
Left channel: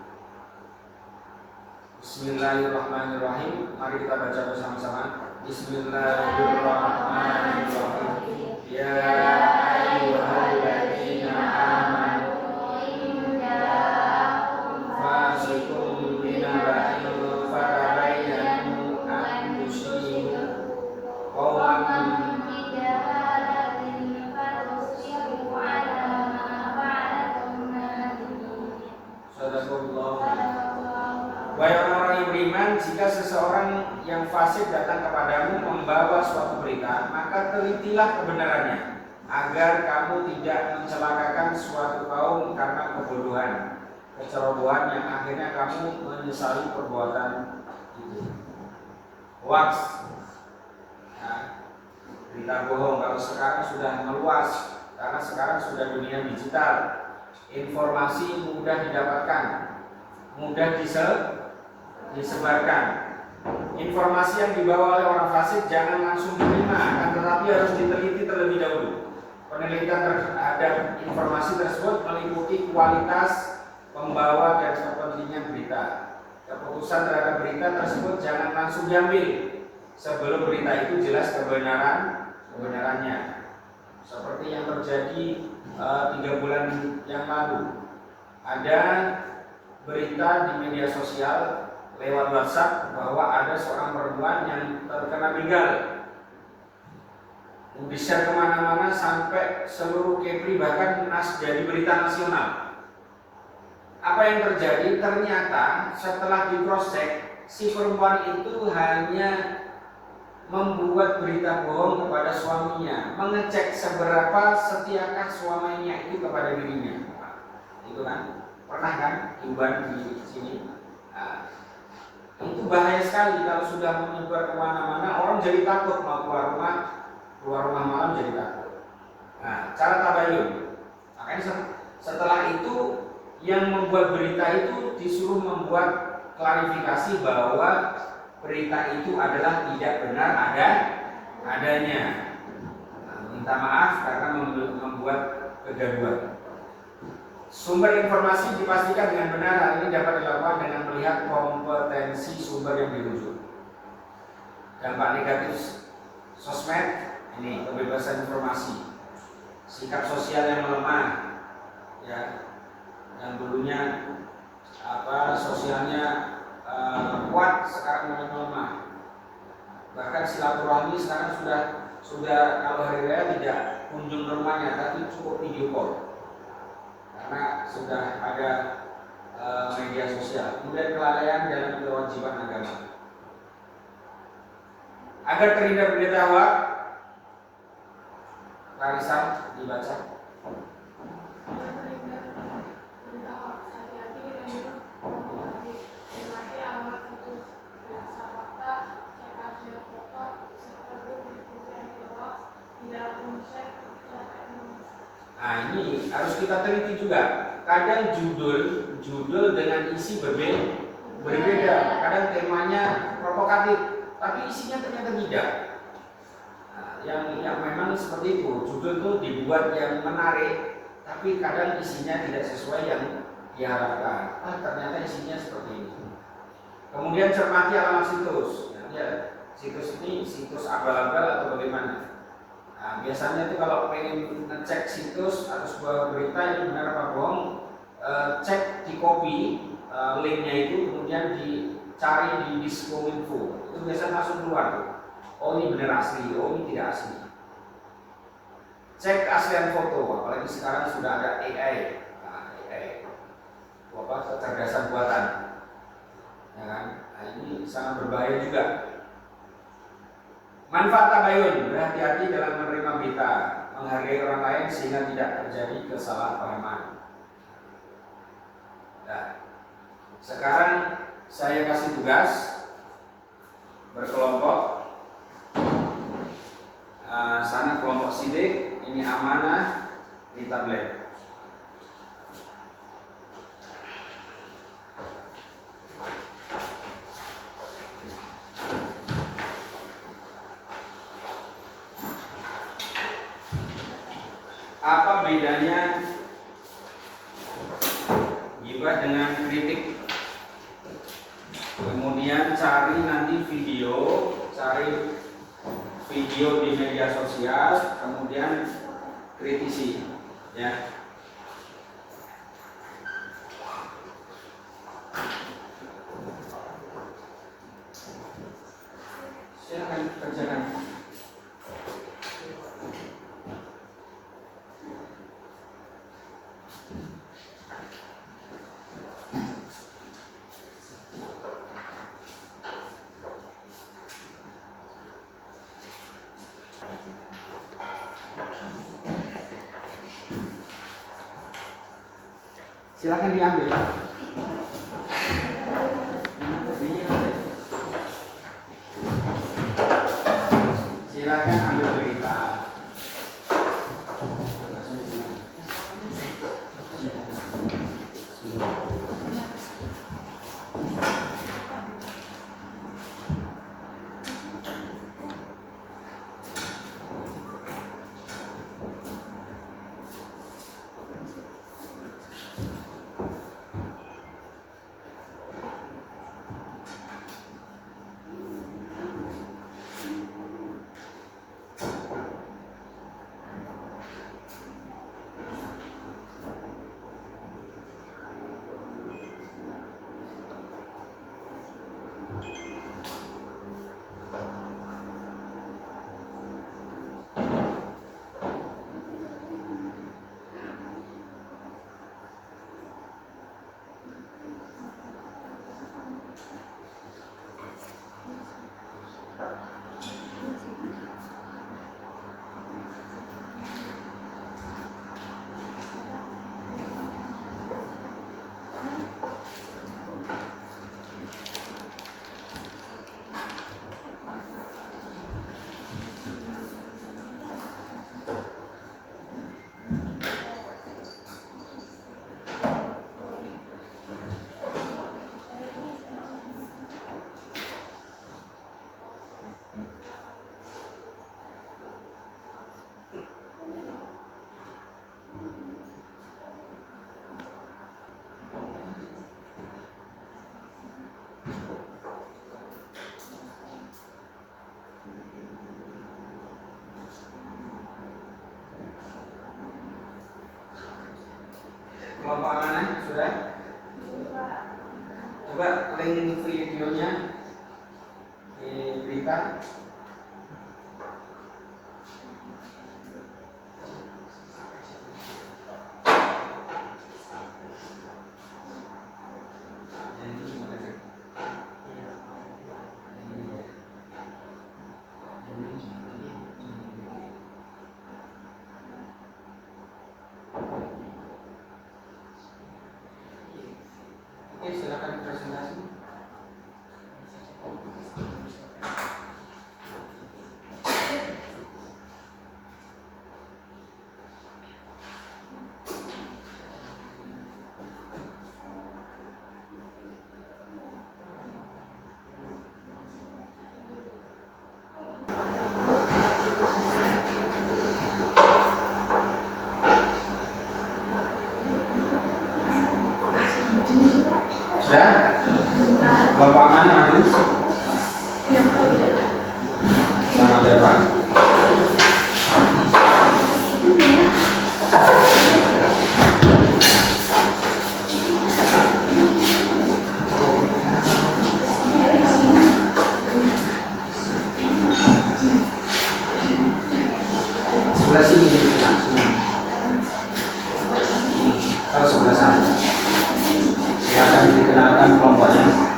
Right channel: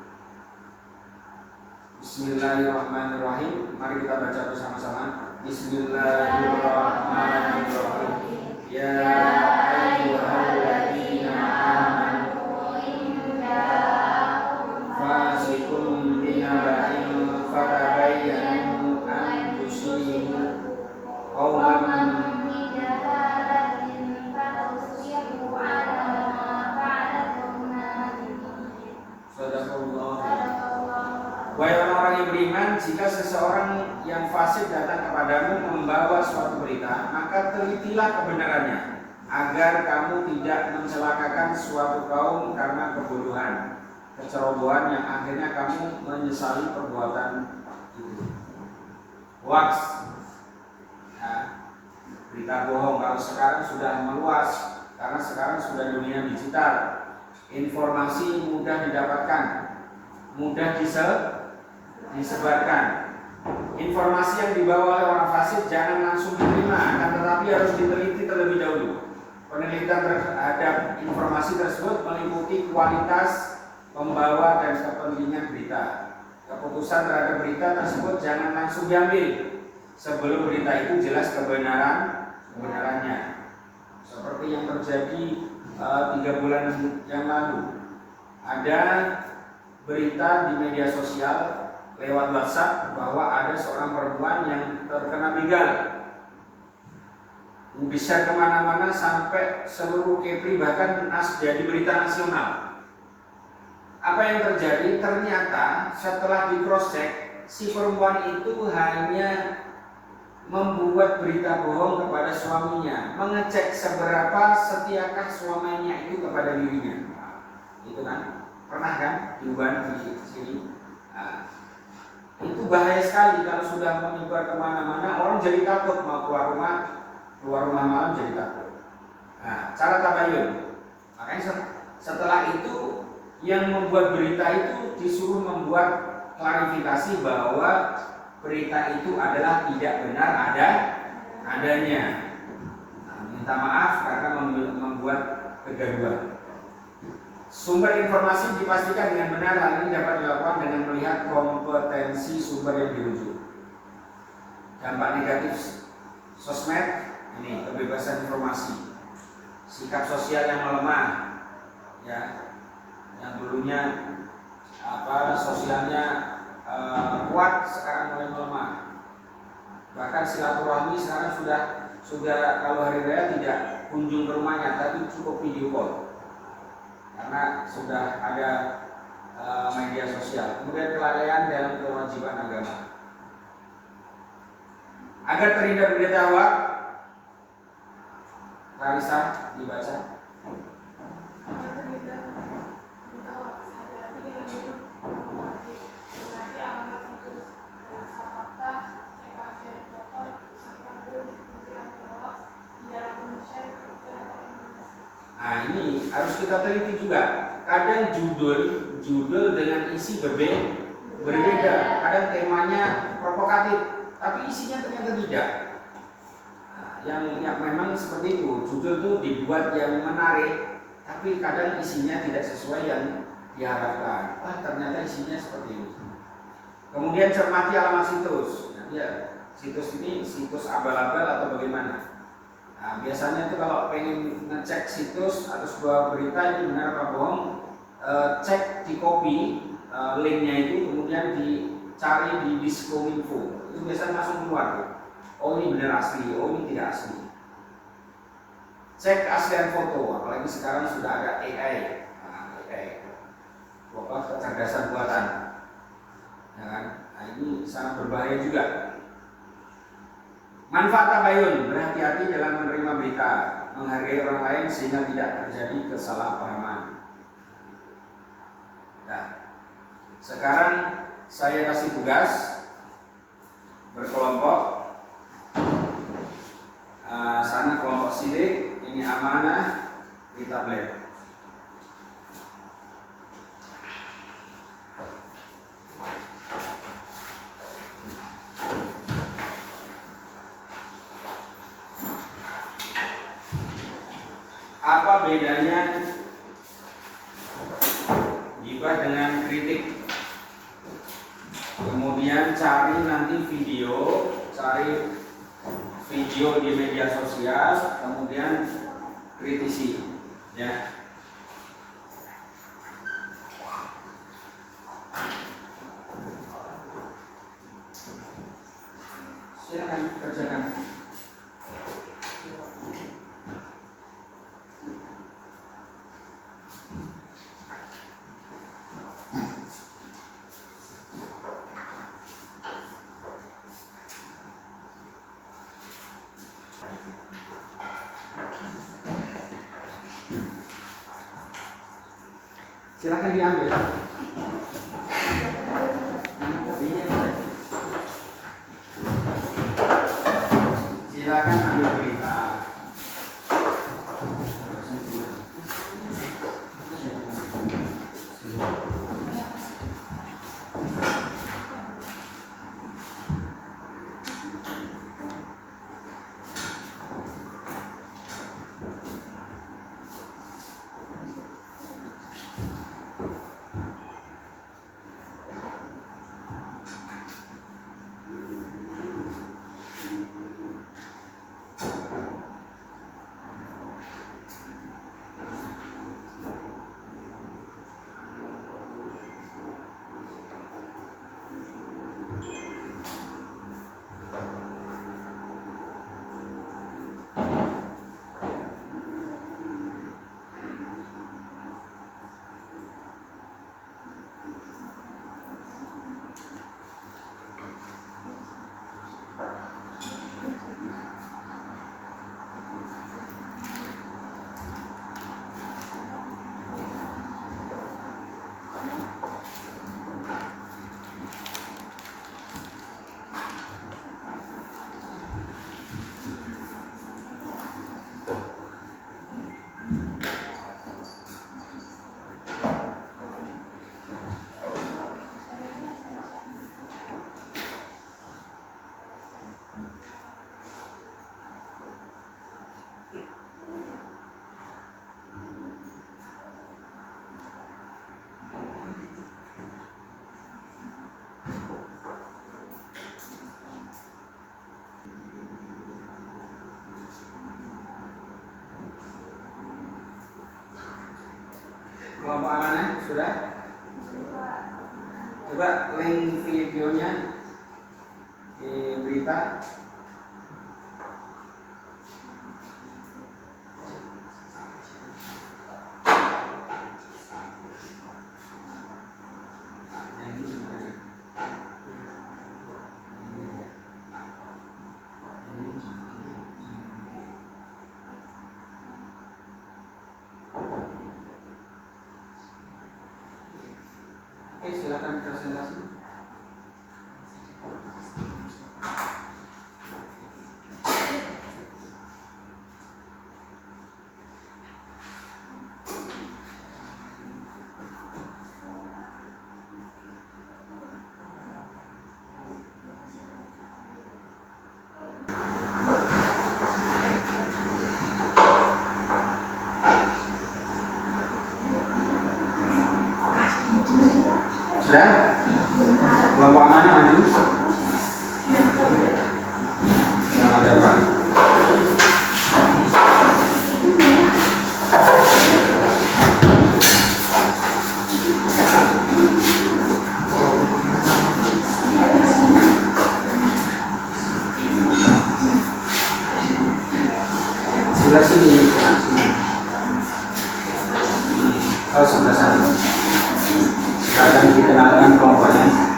Bismillahirrahmanirrahim. Mari kita baca bersama-sama. Bismillahirrahmanirrahim. Ya ayyuhalladzina amanu fasikum binaba'in fatabayyanu an tusibu qauman Wahai orang-orang yang beriman, jika seseorang yang fasik datang kepadamu membawa suatu berita, maka telitilah kebenarannya, agar kamu tidak mencelakakan suatu kaum karena kebodohan, kecerobohan yang akhirnya kamu menyesali perbuatan itu. Hoax, nah, berita bohong kalau sekarang sudah meluas, karena sekarang sudah dunia digital, informasi mudah didapatkan, mudah disebarkan. Informasi yang dibawa oleh orang fasik jangan langsung diterima, akan tetapi harus diteliti terlebih dahulu. Penelitian terhadap informasi tersebut meliputi kualitas pembawa dan kepentingan berita. Keputusan terhadap berita tersebut jangan langsung diambil sebelum berita itu jelas kebenarannya. Seperti yang terjadi 3 bulan yang lalu, ada berita di media sosial lewat WhatsApp bahwa ada seorang perempuan yang terkena begal. Bisa kemana-mana sampai seluruh Kepri, bahkan jadi berita nasional. Apa yang terjadi? Ternyata setelah di cross check, si perempuan itu hanya membuat berita bohong kepada suaminya, mengecek seberapa setiakah suaminya itu kepada dirinya. Itu kan pernah kan diubah di sini. Itu bahaya sekali kalau sudah menyebar kemana-mana, orang jadi takut mau keluar rumah malam jadi takut. Nah, cara tabayun. Makanya setelah itu yang membuat berita itu disuruh membuat klarifikasi bahwa berita itu adalah tidak benar adanya. Nah, minta maaf karena membuat kegaduhan. Sumber informasi dipastikan dengan benar. Hal ini dapat dilakukan dengan melihat kompetensi sumber yang dirujuk. Dampak negatif sosmed ini kebebasan informasi, sikap sosial yang melemah, ya, yang dulunya sosialnya kuat sekarang mulai melemah. Bahkan silaturahmi sekarang sudah kalau hari raya tidak kunjung ke rumahnya, tapi cukup video call karena sudah ada media sosial. Kemudian kelalaian dalam kewajiban agama. Agar terhindar berita hoax, Larissa dibaca. Nah, ini harus kita teliti juga. Kadang judul dengan isi berbeda. Kadang temanya provokatif, tapi isinya ternyata tidak. Yang memang seperti itu, judul itu dibuat yang menarik, tapi kadang isinya tidak sesuai yang diharapkan. Ternyata isinya seperti ini. Kemudian cermati alamat situs. Ya, situs ini situs abal-abal atau bagaimana? Nah, biasanya itu kalau pengen ngecek situs atau sebuah berita ini benar apa bohong, cek di copy linknya itu, kemudian dicari di Diskominfo. Itu biasanya langsung keluar. Oh ini benar asli, oh ini tidak asli. Cek keaslian foto, apalagi sekarang sudah ada AI, kecerdasan buatan, ya kan? Nah, ini sangat berbahaya juga. Manfaat tabayun, berhati-hati dalam menerima berita, menghargai orang lain sehingga tidak terjadi kesalahpahaman. Nah, sekarang saya kasih tugas berkelompok. Sana kelompok sidik, ini amanah di tablet. Apa bedanya gibah dengan kritik? Kemudian cari nanti cari video di media sosial, kemudian kritisi, ya. Silakan kerjakan. Silakan diambil. Silakan ambil berita. Kelompok amanah sudah? Coba link videonya di berita. Oke, silakan presentasi. Sudah? Kelompok amanah maju. Selamat datang. Sebelah sini. Oh, sebelah sana. Silakan dikenalkan kelompoknya.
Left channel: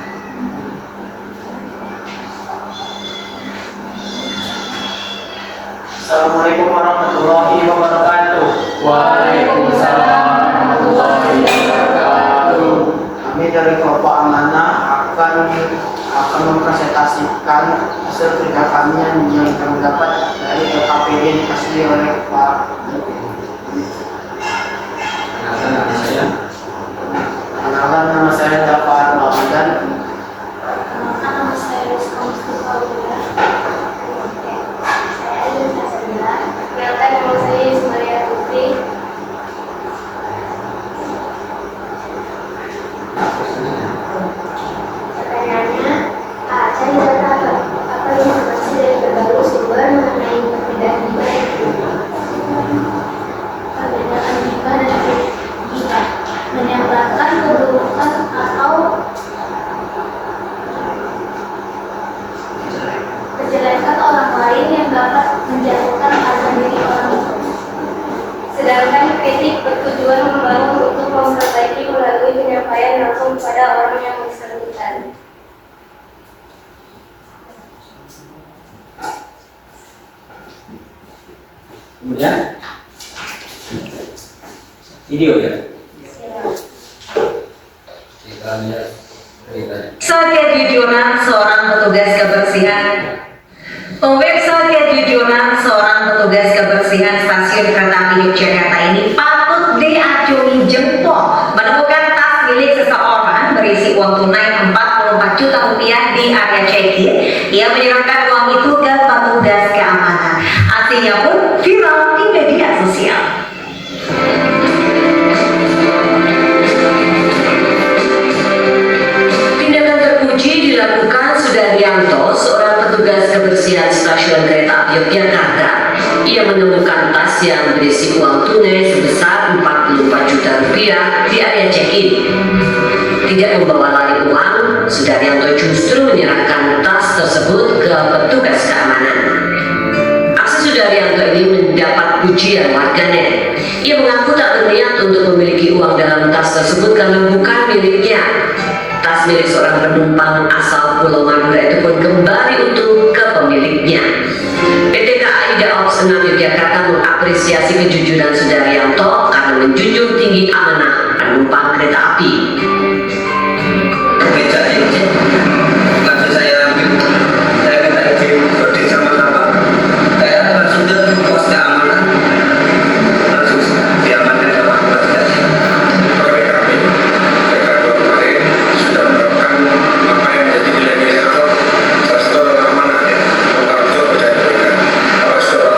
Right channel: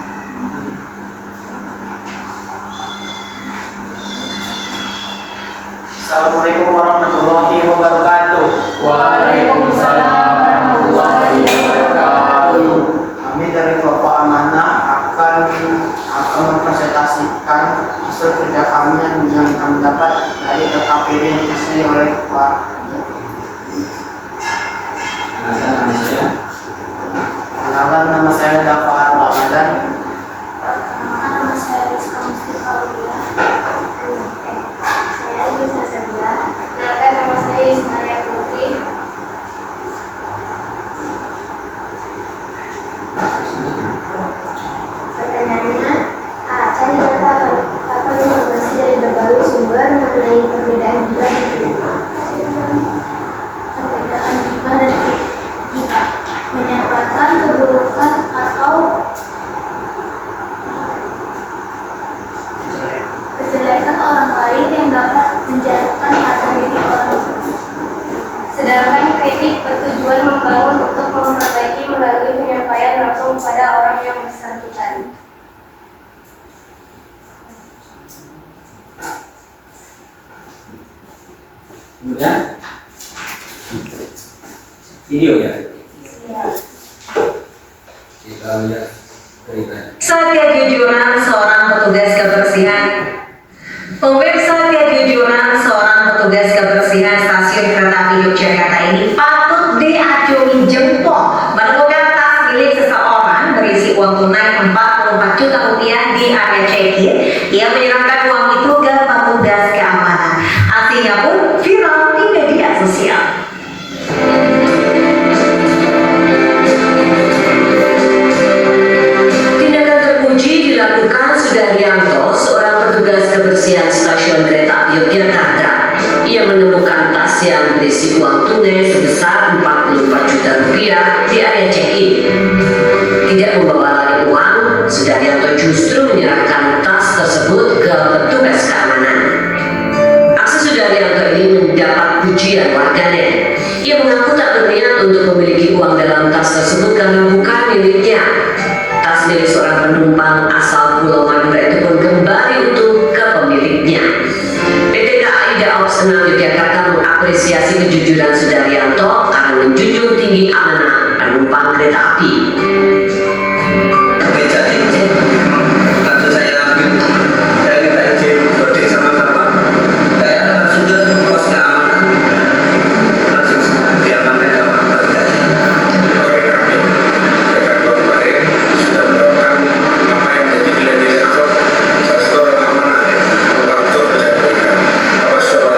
Assalamualaikum warahmatullahi wabarakatuh. Waalaikumsalam warahmatullahi wabarakatuh. Kami dari kelompok amanah akan mempresentasikan hasil kerja kami yang kami dapat dari LKPD yang dihasilkan oleh Pak. Kenalkan, nama saya Dafar Ramadan. Nama saya Rizka Mustafa Aulia. Saya Aisyah Sabila. Kenalkan, nama saya Ismail Putri. Pertanyaannya, cari data atau informasi dari berbagai sumber mengenai perbedaan gibah dan gibah. Perbedaan gibah dan gibah menyampaikan keburukan atau kejelekan orang lain yang dapat menjatuhkan harga diri orang lain. Sedangkan kritik bertujuan membangun untuk memperbaiki melalui penyampaian langsung pada orang yang bersangkutan. Kemudian video ya. Kita lihat ceritanya. Satyajujuran seorang petugas kebersihan. Pemirsa, Satyajujuran seorang petugas kebersihan stasiun kereta api Yogyakarta ini patut diacungi jempol menemukan tas milik seseorang berisi uang tunai 44 juta rupiah di area check-in. Ia menyerahkan uang itu ke petugas keamanan. Aksinya pun viral di media sosial. Tindakan terpuji dilakukan Sudaryanto, seorang petugas kebersihan stasiun kereta api Yogyakarta. Ia menemukan tas yang berisi uang tunai sebesar 44 juta rupiah di area check-in. Tidak membawa lari uang, Sudaryanto justru menyerahkan tas tersebut ke petugas keamanan. Aksi Sudaryanto ini mendapat pujian warganet. Ia mengaku tak berniat untuk memiliki uang dalam tas tersebut karena bukan miliknya. Tas milik seorang penumpang asal Pulau Madura itu pun kembali utuh ke pemiliknya. PT KAI Daob 6 Yogyakarta mengapresiasi kejujuran Sudaryanto karena menjunjung tinggi amanah penumpang kereta api. Lalu saya minta izin berdiri sama-sama. Saya langsung ke pos keamanan, langsung diamankan sama petugas. Kami kemarin sudah melakukan apa yang menjadi nilai-nilai awal Pastor amanah membantu berjaya. Pastor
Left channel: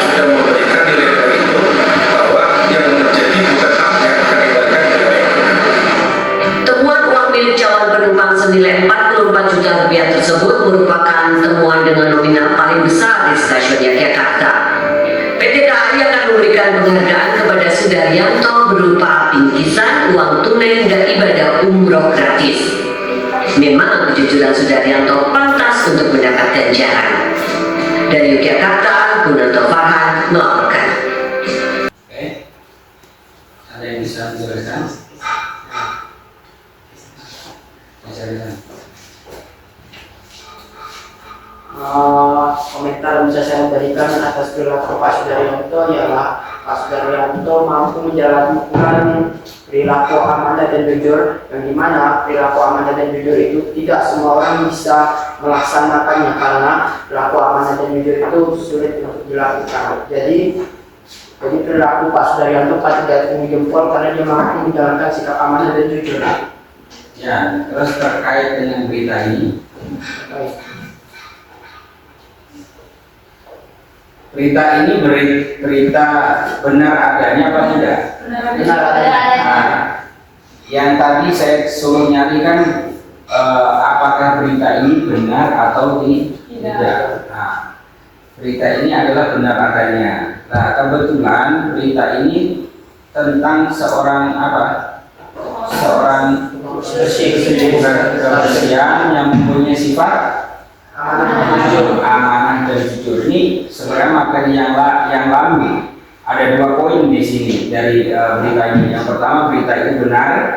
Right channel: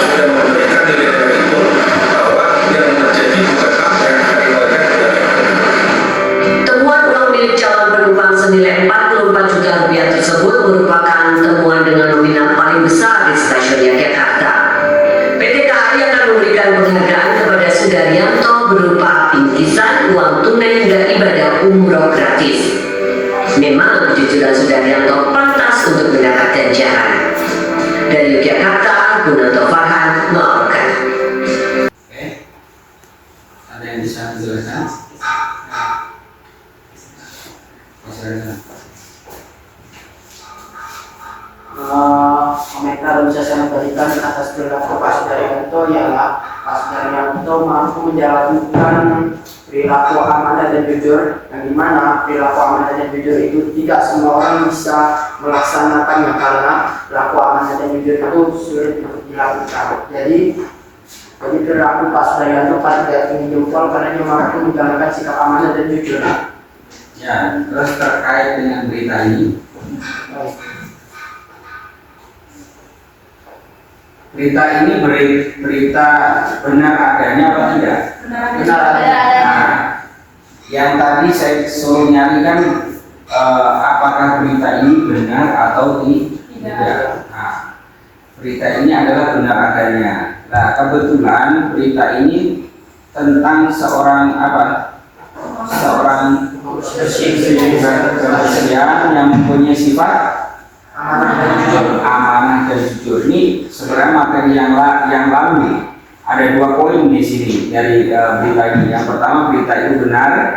sudah memberikan nilai-nilai itu bahwa yang menjadi bukan hak yang akan diberikan kepada birokratis. Memang kejujuran Sudaryanto pantas untuk mendapat ganjaran. Dari Yogyakarta, Gunanto Farhan melaporkan. Oke, ada yang bisa menjelaskan? Komentar yang bisa saya berikan atas perilaku Pak Sudaryanto ialah Pak Sudaryanto mampu menjalankan perilaku amanah dan jujur, yang dimana perilaku amanah dan jujur itu tidak semua orang bisa melaksanakannya karena perilaku amanah dan jujur itu sulit untuk dilakukan. Jadi perilaku Pak Sudaryanto patut diacungi jempol karena dia mampu menjalankan sikap amanah dan jujur. Ya, terus terkait dengan berita ini, berita ini berita benar adanya apa tidak? Benar adanya. Nah, yang tadi saya suruh nyari kan apakah berita ini benar atau tidak? Nah, berita ini adalah benar adanya. Nah, kebetulan berita ini tentang seorang kebersihan yang mempunyai sifat amanah dan jujur. Ini sebenarnya materi yang lama. Ada 2 poin di sini dari berita ini. Yang pertama, berita itu benar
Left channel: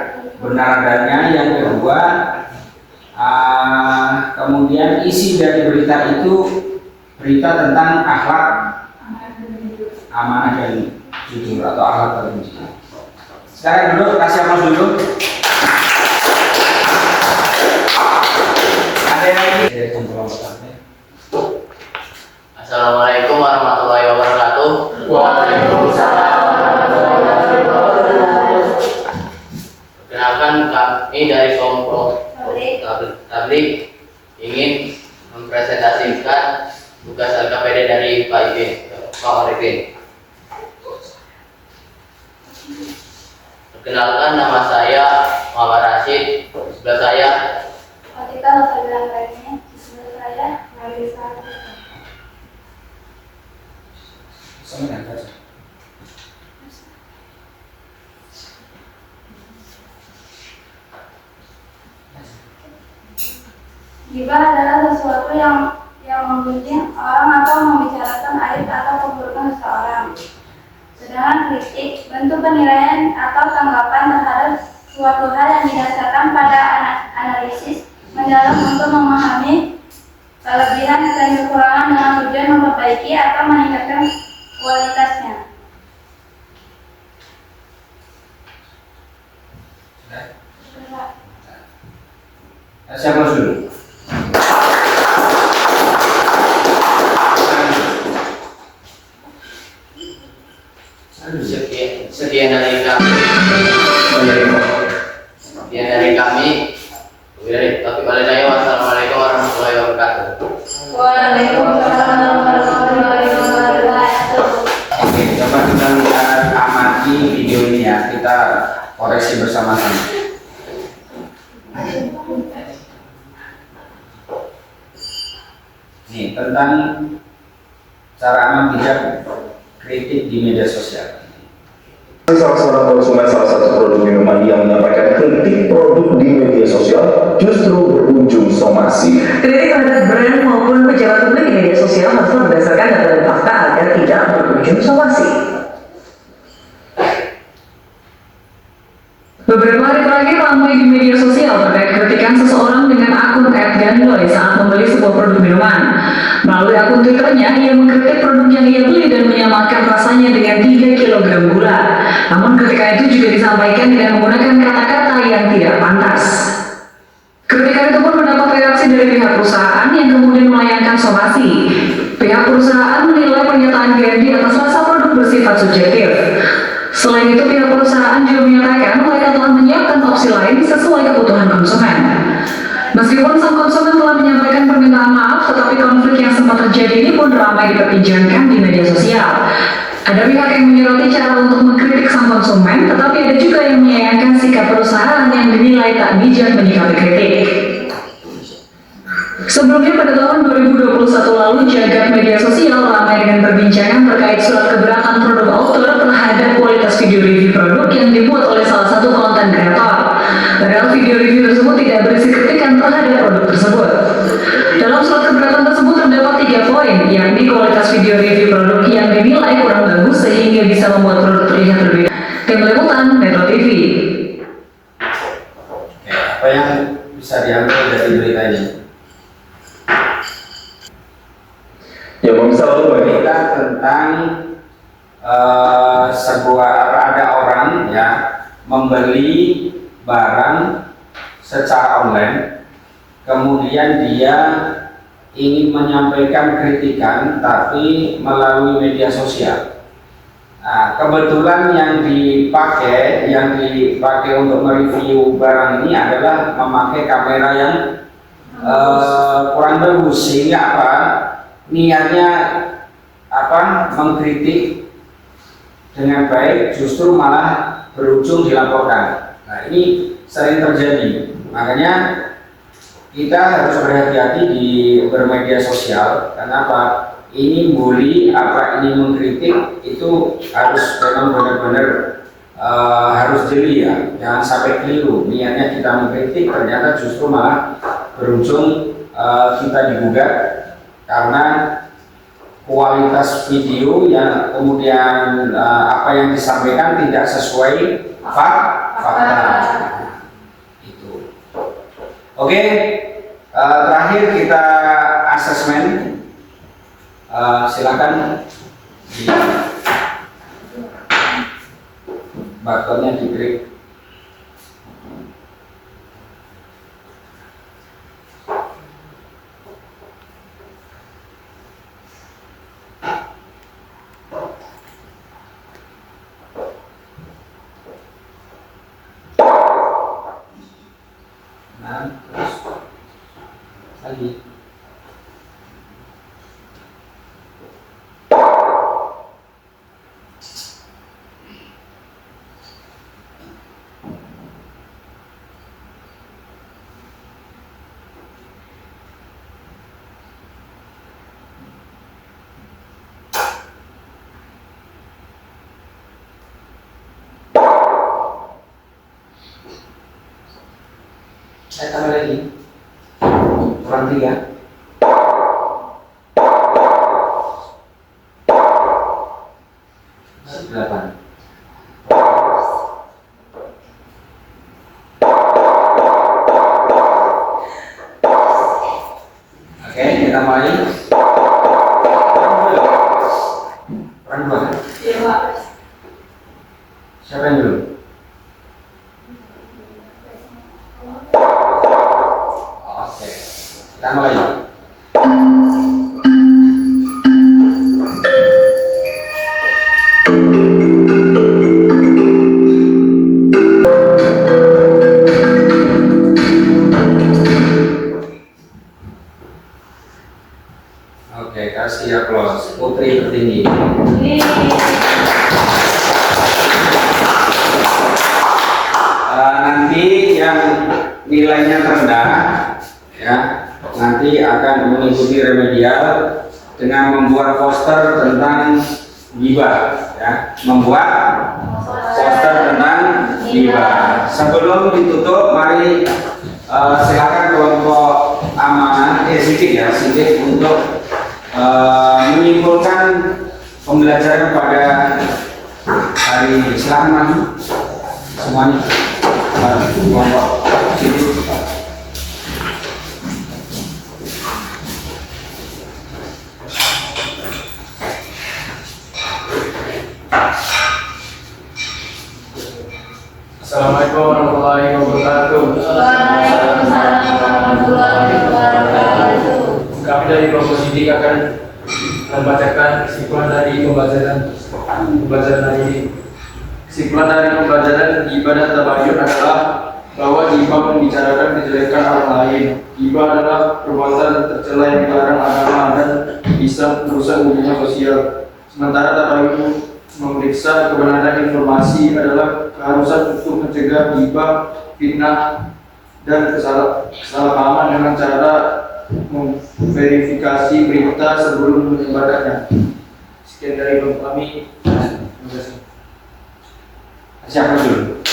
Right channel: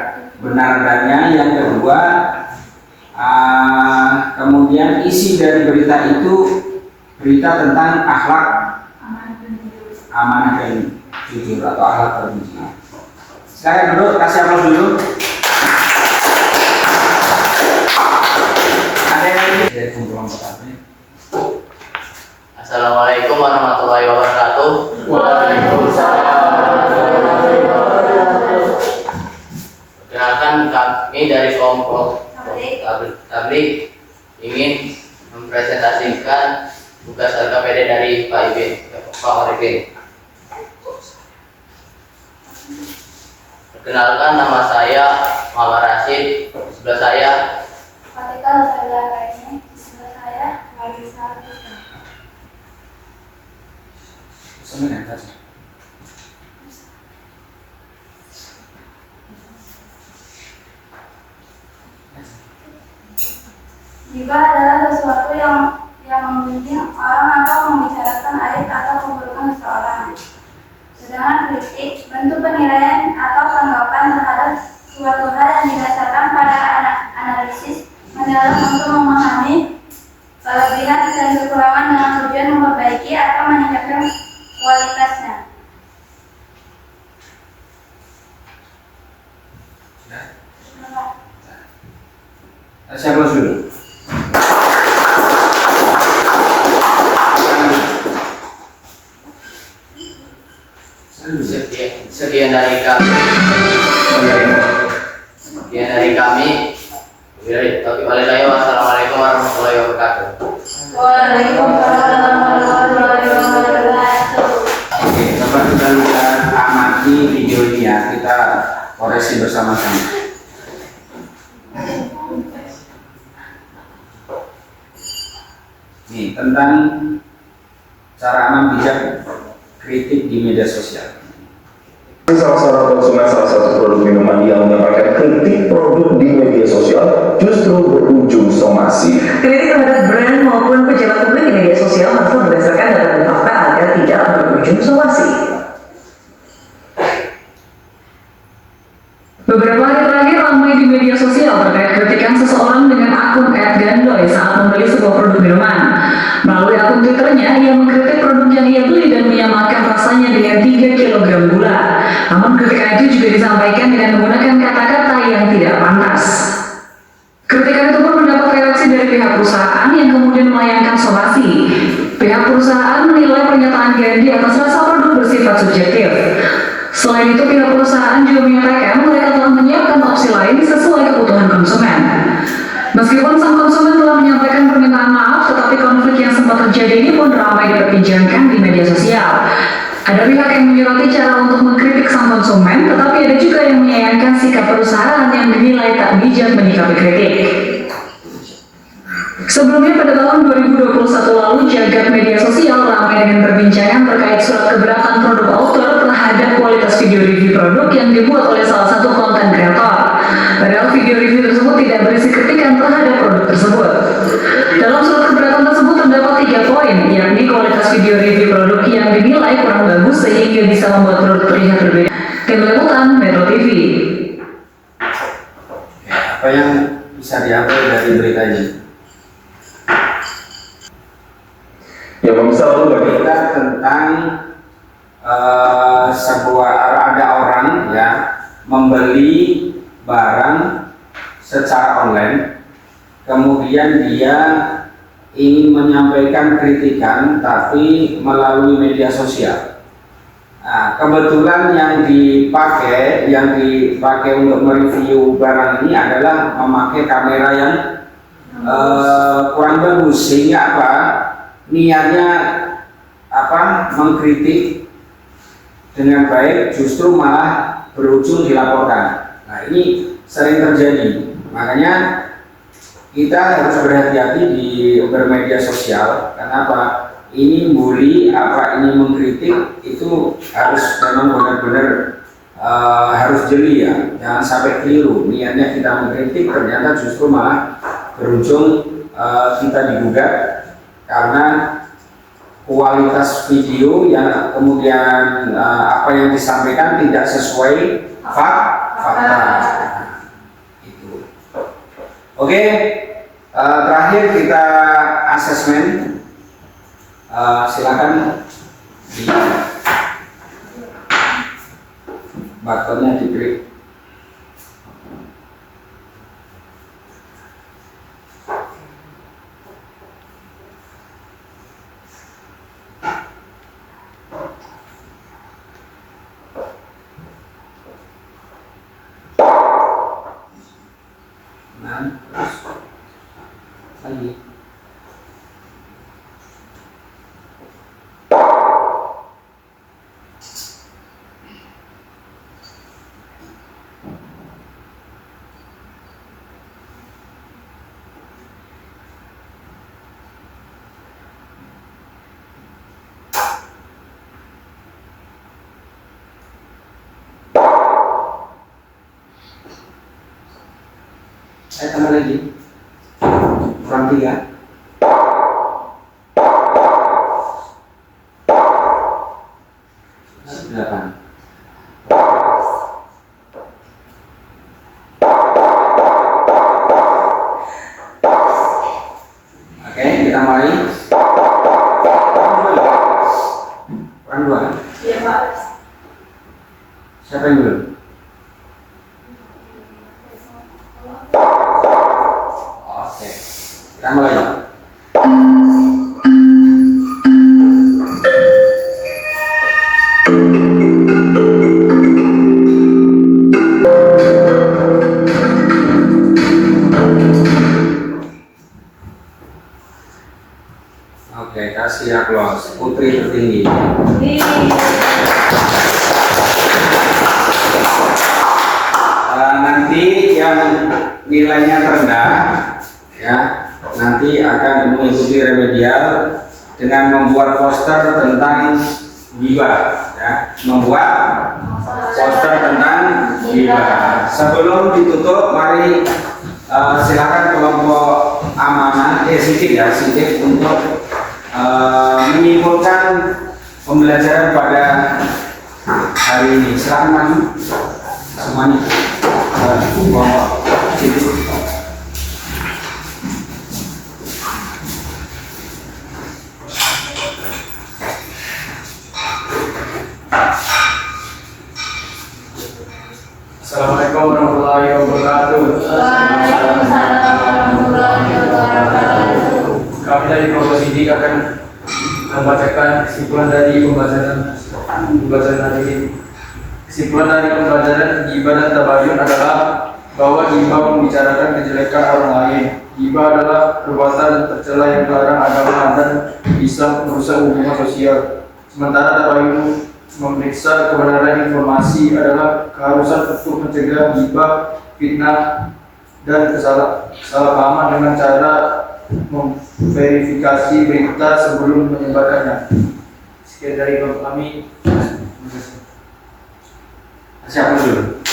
adanya. Yang kedua, kemudian isi dari berita itu berita tentang akhlak amanah dan jujur atau akhlak terpuji. Sekarang dulu kasih aplaus dulu. Ada yang lagi? Assalamualaikum warahmatullahi wabarakatuh. Waalaikumsalam warahmatullahi wabarakatuh. Perkenalkan, kami dari kelompok Tablik ingin mempresentasikan tugas LKPD dari Pak Arifin. Perkenalkan, nama saya Muhammad Rashid. Di sebelah saya Fatika Nusabila Kaini, di sebelah saya Marisa. Gibah adalah sesuatu yang menggunjing orang atau membicarakan aib atau keburukan seseorang. Sedangkan kritik, bentuk penilaian atau tanggapan terhadap suatu hal yang didasarkan pada analisis mendalam untuk memahami kelebihan dan kekurangan dengan tujuan memperbaiki atau meningkatkan kualitasnya. Saya close dulu. sekian dari kami. Wassalamualaikum warahmatullahi wabarakatuh. Waalaikumsalam warahmatullahi wabarakatuh. Oke, coba kita lihat amati video ini ya. Kita koreksi bersama-sama. Nih, tentang cara aman bijak kritik di media sosial. Salah seorang konsumen salah satu produk minuman yang menyampaikan kritik produk di media sosial justru berujung somasi. Kritik terhadap brand maupun pejabat publik di media sosial harus berdasarkan data dan fakta agar tidak berujung somasi. Beberapa hari terakhir ramai di media sosial terkait kritikan seseorang dengan akun @gandoy saat membeli sebuah produk minuman. Melalui akun Twitternya, ia mengkritik produk yang ia beli dan menyamakan rasanya dengan 3 kg gula. Namun kritikan itu juga disampaikan dengan menggunakan kata-kata yang tidak pantas. Kritikan itu pun mendapat reaksi dari pihak perusahaan yang kemudian melayangkan somasi. Pihak perusahaan menilai pernyataan Gandhi atas rasa produk bersifat subjektif. Selain itu, pihak perusahaan juga menyatakan mereka telah menyiapkan opsi lain sesuai kebutuhan konsumen. Meskipun sang konsumen telah menyampaikan permintaan maaf, tetapi konflik yang sempat terjadi ini pun ramai diperbincangkan di media sosial. Ada pihak yang menyoroti cara untuk mengkritik sang konsumen, tetapi ada juga yang menyayangkan sikap perusahaan yang dinilai tak bijak menyikapi kritik. Sebelumnya pada tahun 2021 lalu, jagat media sosial ramai dengan perbincangan terkait surat keberatan produk autor terhadap kualitas video review produk yang dibuat oleh salah satu konten kreator. Padahal video review berisi kritikan terhadap produk tersebut. Dalam surat keberatan tersebut terdapat 3 poin, yakni kualitas video review produk yang dinilai kurang bagus sehingga bisa membuat produk terlihat berbeda. Tim Liputan Metro TV. Apa yang bisa diambil dari berita ini? Yang bisa berita tentang ada orang ya membeli barang secara online, kemudian dia ingin menyampaikan kritikan tapi melalui media sosial. Nah, kebetulan yang dipakai untuk mereview barang ini adalah memakai kamera yang kurang bagus, sehingga apa? Niatnya mengkritik dengan baik justru malah berujung dilaporkan. Nah, ini sering terjadi. Makanya kita harus berhati-hati di bermedia sosial. Kenapa? Ini bully, ini mengkritik, itu harus memang benar-benar harus jeli ya. Jangan sampai keliru. Niatnya kita mengkritik, ternyata justru malah berujung kita digugat karena kualitas video yang kemudian apa yang disampaikan tidak sesuai fakta. Itu. Oke, terakhir kita asesmen. Silakan di buttonnya diklik. Nah, terus lagi. Saya tambah lagi kurang 3. Oke, kita mulai. Kurang 2. Iya, Pak. Siapa yang dulu? Oke, kita mulai. Oke, kasih aplaus. Putri tertinggi. Nanti yang nilainya terendah ya nanti akan mengikuti remedial dengan membuat poster tentang gibah ya, membuat poster tentang gibah. Sebelum ditutup, mari silakan kelompok amanah sedikit untuk menyimpulkan pembelajaran pada hari ini. Silakan maju semuanya. Assalamualaikum warahmatullahi wabarakatuh. Kami dari Kelompok Sidik akan membacakan kesimpulan dari pembelajaran hari ini. Kesimpulan dari pembelajaran gibah dan tabayun adalah bahwa gibah membicarakan kejelekan orang lain. Gibah adalah perbuatan tercela yang dilarang agama dan bisa merusak hubungan sosial. Sementara tabayun memeriksa kebenaran informasi adalah keharusan untuk mencegah gibah, fitnah, dan kesalahpahaman dengan cara memverifikasi berita sebelum menyebarkannya. Sekian dari kami. Terima kasih. Siapa dulu?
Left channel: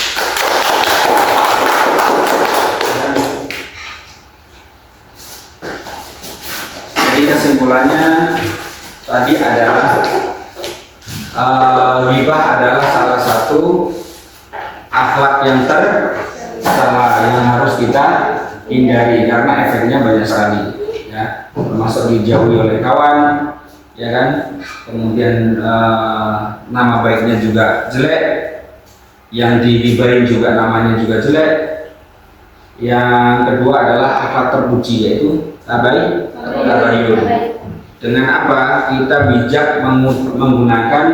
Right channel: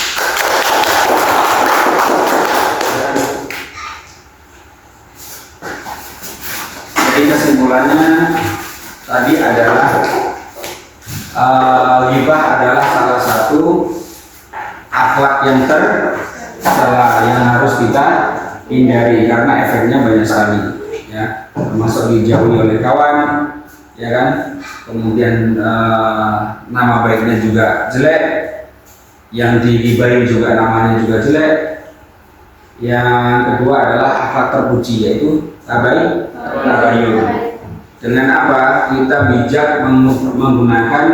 kesimpulannya tadi adalah ghibah adalah salah satu akhlak yang tercela yang harus kita hindari karena efeknya banyak sekali, ya, termasuk dijauhi oleh kawan, ya kan, kemudian nama baiknya juga jelek, yang dighibahin juga namanya juga jelek. Yang kedua adalah akhlak terpuji, yaitu tabayun. Dengan apa? Kita bijak menggunakan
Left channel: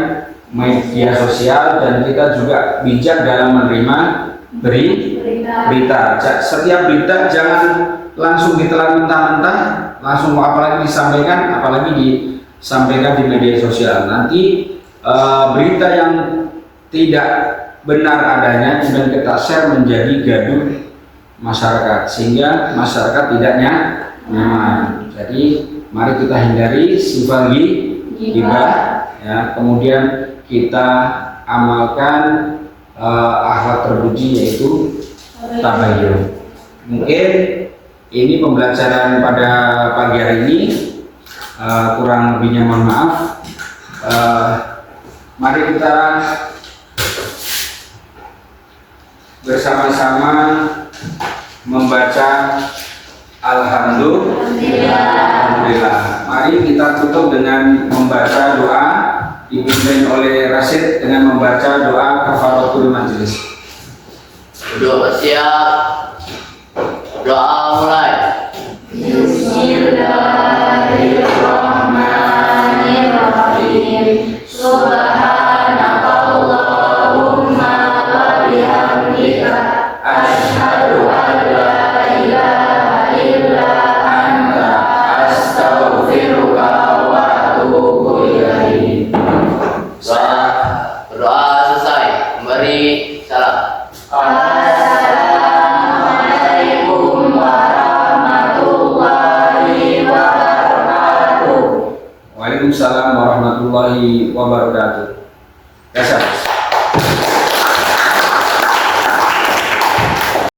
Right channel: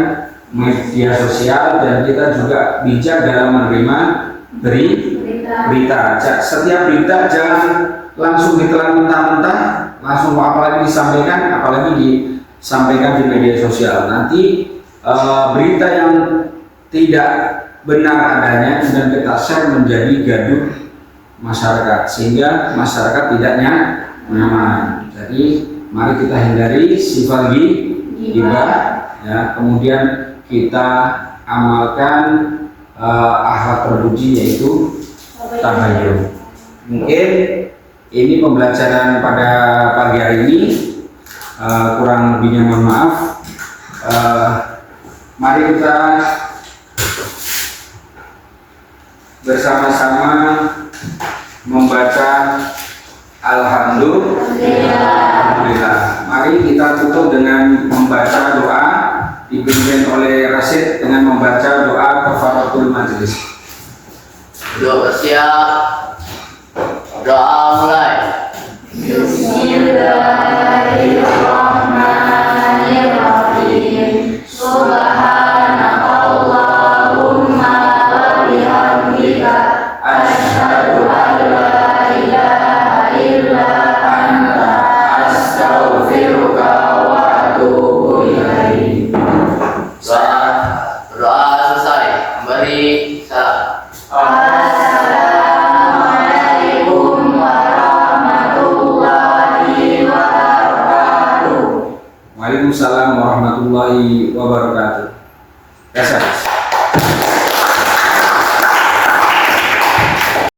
media sosial dan kita juga bijak dalam menerima berita. Setiap berita jangan langsung ditelan mentah-mentah, langsung apalagi disampaikan di media sosial. Nanti berita yang tidak benar adanya dan kita share menjadi gaduh masyarakat, sehingga masyarakat tidak nyaman. Jadi mari kita hindari sifat ghibah, ya. Kemudian kita amalkan akhlak terpuji, yaitu tabayun. Mungkin ini pembelajaran pada pagi hari ini, kurang lebihnya mohon maaf. Mari kita bersama-sama membaca Alhamdulillah. Mari kita tutup dengan membaca doa dipimpin oleh Rasid dengan membaca doa kafaratul majlis. Doa siap. Doa mulai. Bismillahirrahmanirrahim. Subhanakallahumma wa bihamdika asyhadu an la ilaha illa anta astaghfiruka wa atubu ilaik. Doa selesai. Memberi salam. Assalamualaikum warahmatullahi wabarakatuh. Waalaikumsalam warahmatullahi wabarakatuh. Kasih.